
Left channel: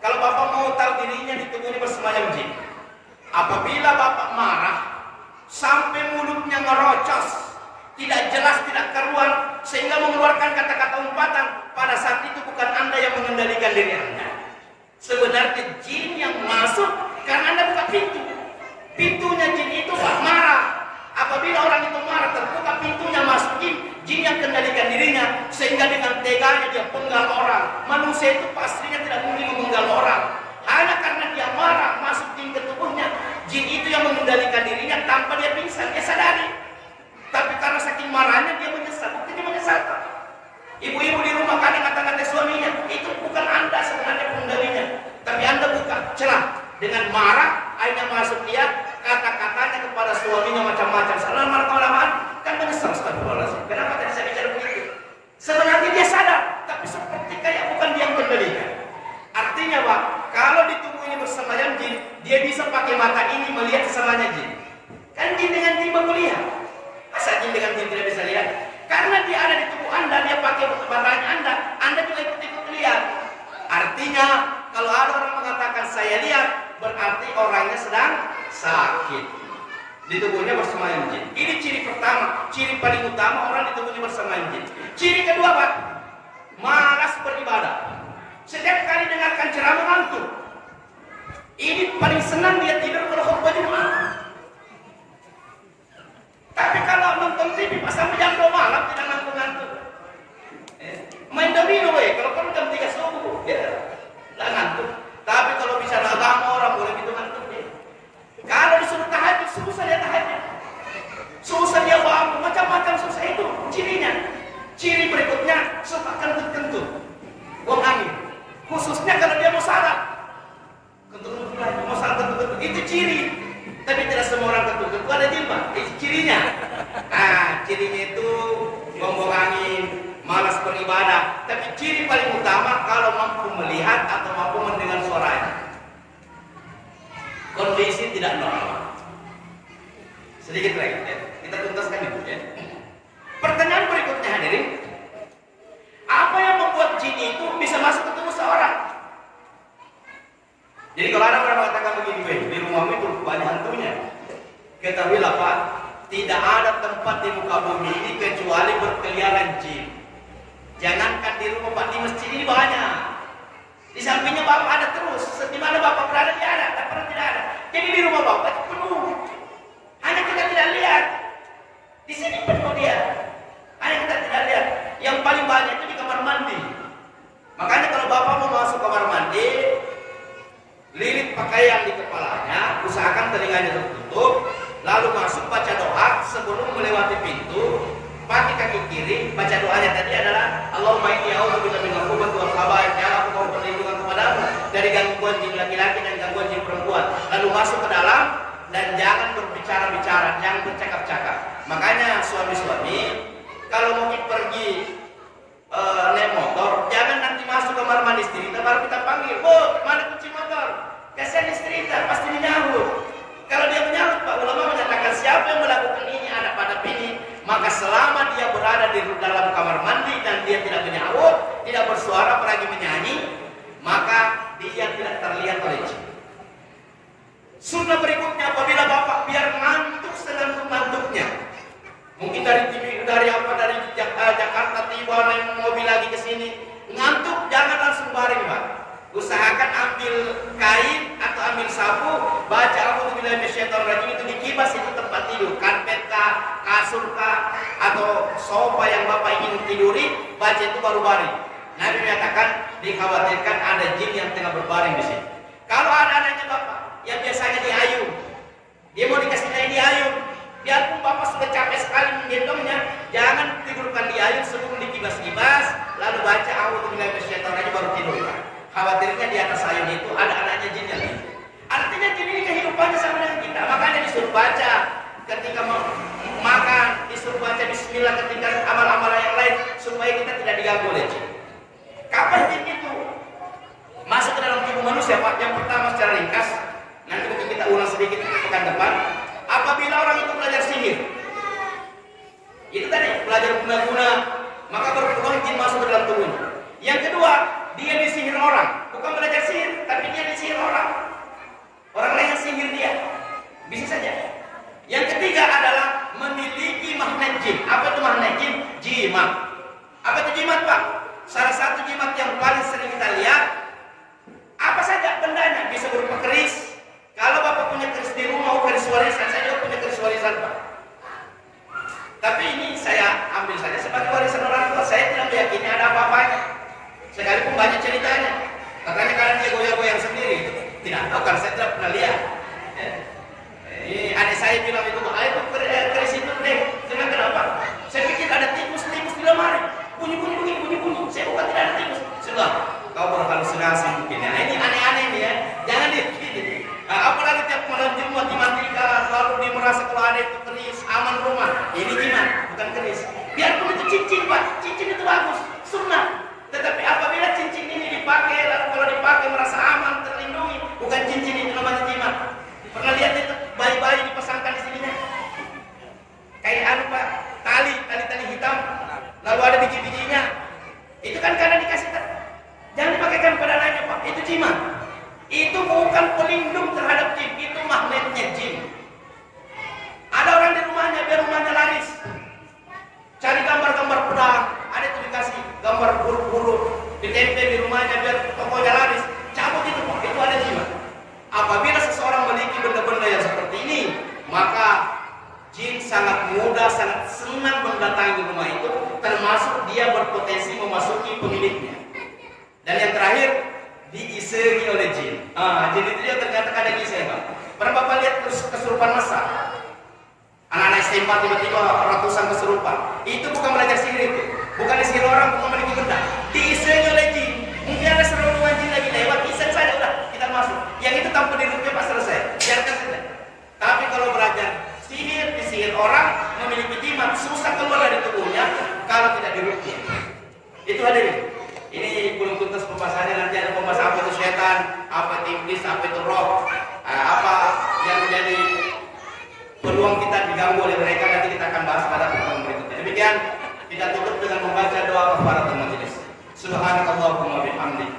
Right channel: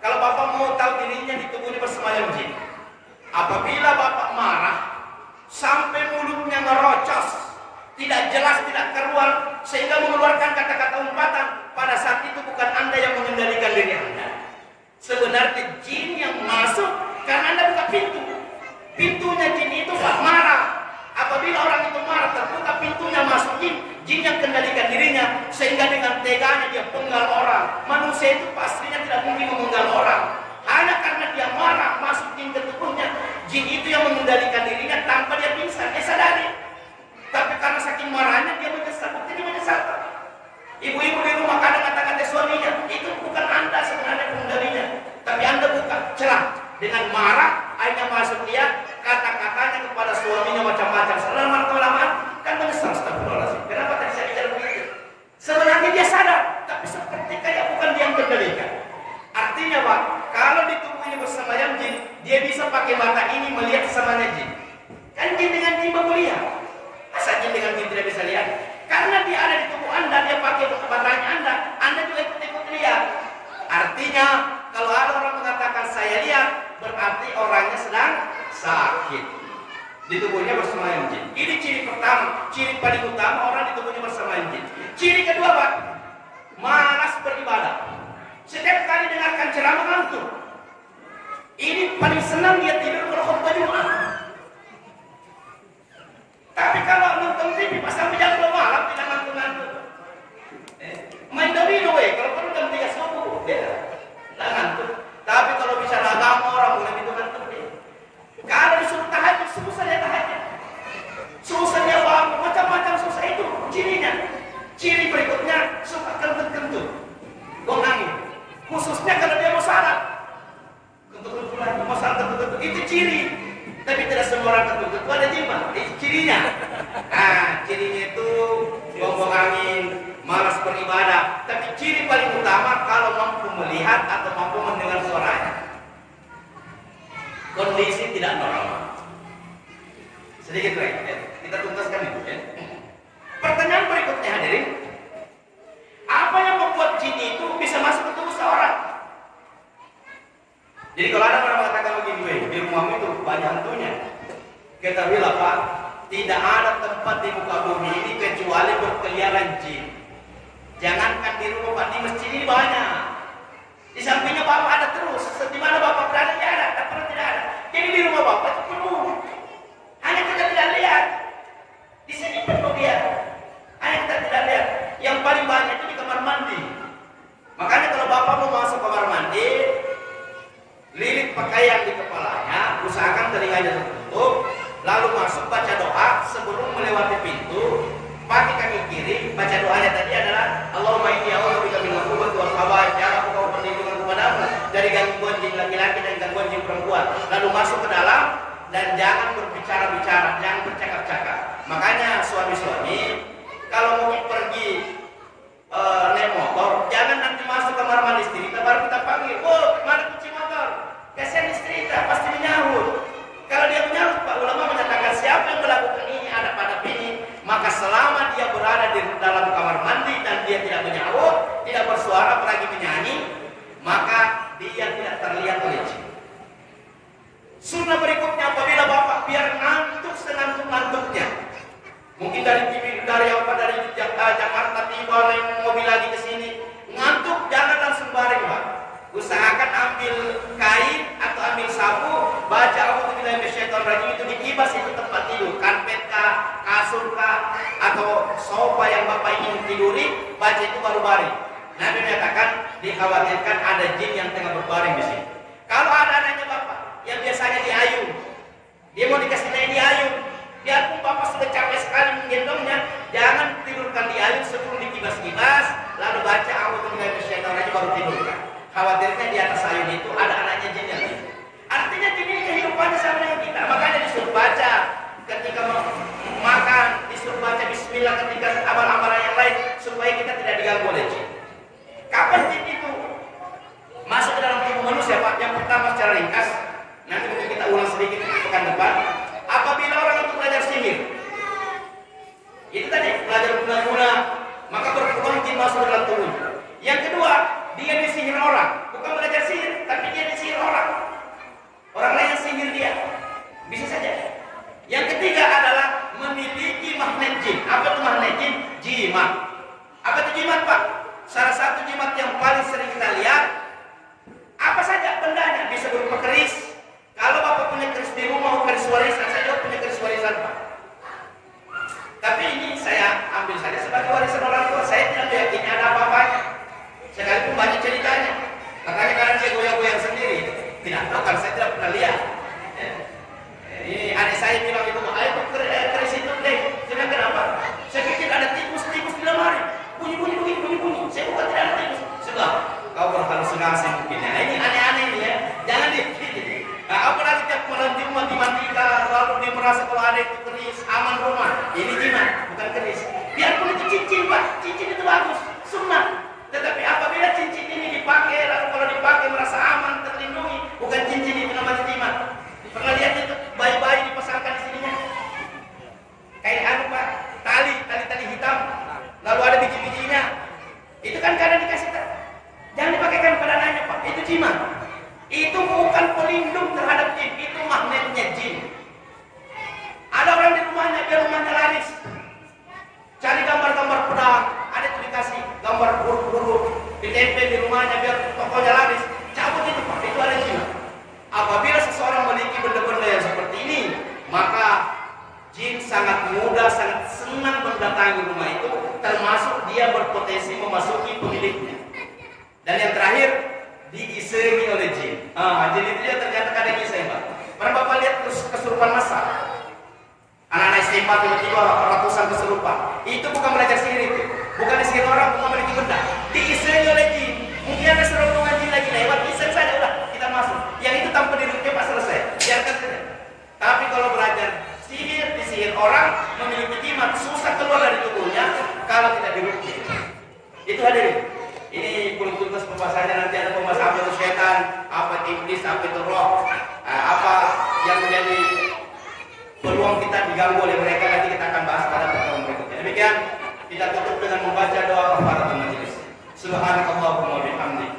kalau Bapak mau tahu dirinya di tubuhnya bersemayam jin, apabila Bapak marah sampai mulutnya ngerocos, tidak jelas, tidak keluar, sehingga mengeluarkan kata-kata umpatan, pada saat itu bukan Anda yang mengendalikan diri Anda. Sebenarnya jin yang masuk karena Anda buka pintu. Pintunya jin itu Pak marah. Apabila orang itu marah, terbuka pintunya, masuk jin yang kendalikan dirinya, sehingga dengan teganya dia penggal orang. Manusia itu pastinya tidak mungkin memenggal orang. Hanya karena dia marah, masuk jin ke tubuhnya, jin itu yang mengendalikan dirinya tanpa dia pingsan, dia sadari. Tapi karena saking marahnya dia menyesal, buktinya menyesal. Ibu-ibu di rumah kadang kata-kata suaminya, itu bukan Anda sebenarnya pengendalinya, tapi Anda buka celah dengan marah, akhirnya masuk dia, kata-katanya kepada suaminya macam-macam. Lama-lama kan menyesal, astagfirullahaladzim. Kenapa tadi saya bicara begitu? Sebenarnya dia sadar, tapi seperti kayak bukan dia yang kendalikan. Artinya Pak, kalau di tubuh ini bersemayam jin, dia bisa pakai mata ini melihat kesamanya jin. Kan jin dengan jin melihat. Masa jin dengan jin tidak bisa lihat? Karena dia ada di tubuh Anda, dia pakai matanya Anda juga ikut lihat. Artinya, kalau ada orang mengatakan saya lihat, berarti orangnya sedang sakit. Di tubuhnya bersemayam jin. Ini ciri pertama, ciri paling utama orang di tubuhnya bersemayam jin. Ciri kedua Pak, malas beribadah. Setiap kali dengarkan ceramah ngantuk. Ini paling senang dia tidur kalau khutbah Jumat. Tapi kalau nonton TV pas sampai jam 2 malam tidak ngantuk-ngantuk. Main domino kalau perlu jam 3 subuh, ya tidak ngantuk. Tapi kalau bicara agama orang boleh gitu ngantuk deh. Kalau disuruh tahajud, susah dia tahajud. Susah dia bangun, macam-macam susah itu cirinya. Ciri berikutnya suka kentut-kentut, buang angin. Khususnya kalau dia mau salat, kentut-kentut lagi, mau salat kentut-kentut, itu ciri. Tapi tidak semua orang kentut-kentut ada jilbab, itu cirinya. Nah, cirinya itu buang angin, malas beribadah. Tapi ciri paling utama kalau mampu melihat atau mampu mendengar suaranya. Kondisi tidak normal. Sedikit lagi, ya. Kita tuntaskan itu ya. Pertanyaan berikutnya hadirin, apa yang membuat jin itu bisa masuk ke tubuh seorang? Jadi kalau ada orang mengatakan begini, di rumahmu itu banyak hantunya, ketahuilah Pak, tidak ada tempat di muka bumi ini kecuali berkeliaran jin. Jangankan di rumah Pak, di masjid ini banyak. Di sampingnya Bapak ada terus, di mana Bapak berada dia ada, tak pernah tidak ada. Jadi di rumah Bapak itu penuh. Hanya kita tidak lihat. Di sini penuh dia. Hanya kita tidak lihat. Yang paling banyak itu di kamar mandi. Makanya kalau Bapak mau masuk kamar mandi, lilit pakaian di kepalanya, usahakan telinganya tertutup, lalu masuk baca doa sebelum melewati pintu. Pakai kaki kiri, baca doanya tadi adalah Allahumma inni a'udzubika min al-khubuthi wal khaba'ith. Ya Allah, aku mohon perlindungan kepadamu dari gangguan jin laki-laki dan gangguan jin perempuan. Lalu masuk ke dalam dan jangan berbicara-bicara, jangan bercakap-cakap. Makanya suami-suami kalau mau pergi naik motor, jangan nanti masuk kamar mandi istri kita baru kita panggil, "Oh, mana kunci motor?" Kasihan istri kita pasti menyahut. Kalau dia menyahut, Pak ulama menyatakan siapa yang melakukan ini ada pada ini, maka selama dia berada di dalam kamar mandi dan dia tidak menyahut, tidak bersuara apalagi menyanyi, maka dia tidak terlihat oleh jin. Sunnah berikutnya, apabila Bapak biar ngantuk sengantuk-ngantuknya, mungkin dari Jakarta tiba naik mobil lagi ke sini, ngantuk jangan langsung baring Pak. Usahakan ambil kain atau ambil sapu, baca a'udzubillahi minasyaitonir rajim, itu dikibas, itu tempat tidur, karpet kah, kasur kah, atau sofa yang Bapak ingin tiduri, baca itu baru baring. Nabi menyatakan dikhawatirkan ada jin yang tengah berbaring di sini. Kalau ada anaknya Bapak yang biasanya diayun, dia mau dikasih naik diayun, biarpun Bapak sudah capek sekali menggendongnya, jangan tidurkan diayun sebelum dikibas-kibas, lalu baca a'udzubillahi minasyaitonir rajim baru tidurkan. Khawatirnya di atas ayun itu ada anaknya jin yang lain. Artinya jin ini kehidupannya sama dengan kita. Makanya disuruh baca ketika makan, disuruh baca bismillah ketika amal-amalan yang lain, supaya kita tidak diganggu oleh jin. Kapan jin itu masuk ke dalam tubuh manusia Pak? Yang pertama secara ringkas, nanti mungkin kita ulang sedikit pekan depan. Apabila orang itu jimat. Apa itu jimat, Pak? Salah satu jimat yang paling sering kita lihat, apa saja bendanya, bisa berupa keris. Kalau Bapak punya keris di rumah, keris warisan, saya juga punya keris warisan, Pak. Tapi ini saya ambil saja sebagai warisan orang tua. Saya tidak meyakini ada apa-apanya. Sekalipun banyak ceritanya. Katanya kadang dia goyang-goyang sendiri. Tidak tahu kan, saya tidak pernah lihat. Ini adik saya bilang itu, ayo keris itu deh. Jangan kenapa? Saya pikir ada tikus-tikus di lemari. Bunyi-bunyi begini, bunyi-bunyi. Saya bukan tidak ada tikus. Sudah, kau berhalusinasi mungkin ya. Ini aneh-aneh nih ya. Jangan diikuti. Nah, apalagi tiap malam Jumat dimandikan, lalu dia merasa kalau ada itu keris, aman rumah. Ini jimat, bukan keris. Biarpun itu cincin, Pak. Cincin itu bagus, sunnah. Tetapi apabila cincin ini dipakai, lalu kalau dipakai merasa aman, terlindungi, bukan cincin itu namanya jimat. Pernah lihat itu bayi-bayi dipasangkan di sininya? Kayak Pak, tali hitam, lalu ada biji-bijinya. Itu kan karena dikasih jangan dipakaikan pada anaknya, Pak. Itu jimat. Itu bukan pelindung terhadap jin, itu magnetnya jin. Ada orang di rumahnya, biar rumahnya laris. Cari gambar-gambar pedang, ada itu dikasih gambar huruf-huruf, ditempel di rumahnya biar tokonya laris. Cabut itu, Pak, itu ada jimat. Apabila seseorang memiliki benda-benda yang seperti ini, maka jin sangat mudah, sangat senang mendatangi rumah itu, termasuk dia berpotensi memasuki pemiliknya. Dan yang terakhir, diisengi oleh jin. Jin itu dia ternyata kadang iseng, Pak. Pernah Bapak lihat kesurupan masal? Anak-anak SMA tiba-tiba ratusan kesurupan. Itu bukan belajar sihir itu. Bukan disihir orang, bukan memiliki benda. Diisengi oleh jin. Mungkin ada serombongan jin lagi lewat, iseng saja, udah kita masuk. Yang itu tanpa dirukyah, Pak, selesai. Biarkan saja. Tapi kalau belajar sihir, disihir orang, memiliki jimat, susah keluar dari tubuhnya kalau tidak dirukyah. Itu hadirin. Ini belum tuntas pembahasannya, nanti ada pembahasan apa itu setan, apa itu iblis, apa itu roh, apa yang menjadi peluang kita diganggu oleh mereka, nanti kita akan bahas pada pertemuan berikutnya. Demikian kita tutup dengan membaca doa kafaratul majelis. Subhanakallahumma wa bihamdik.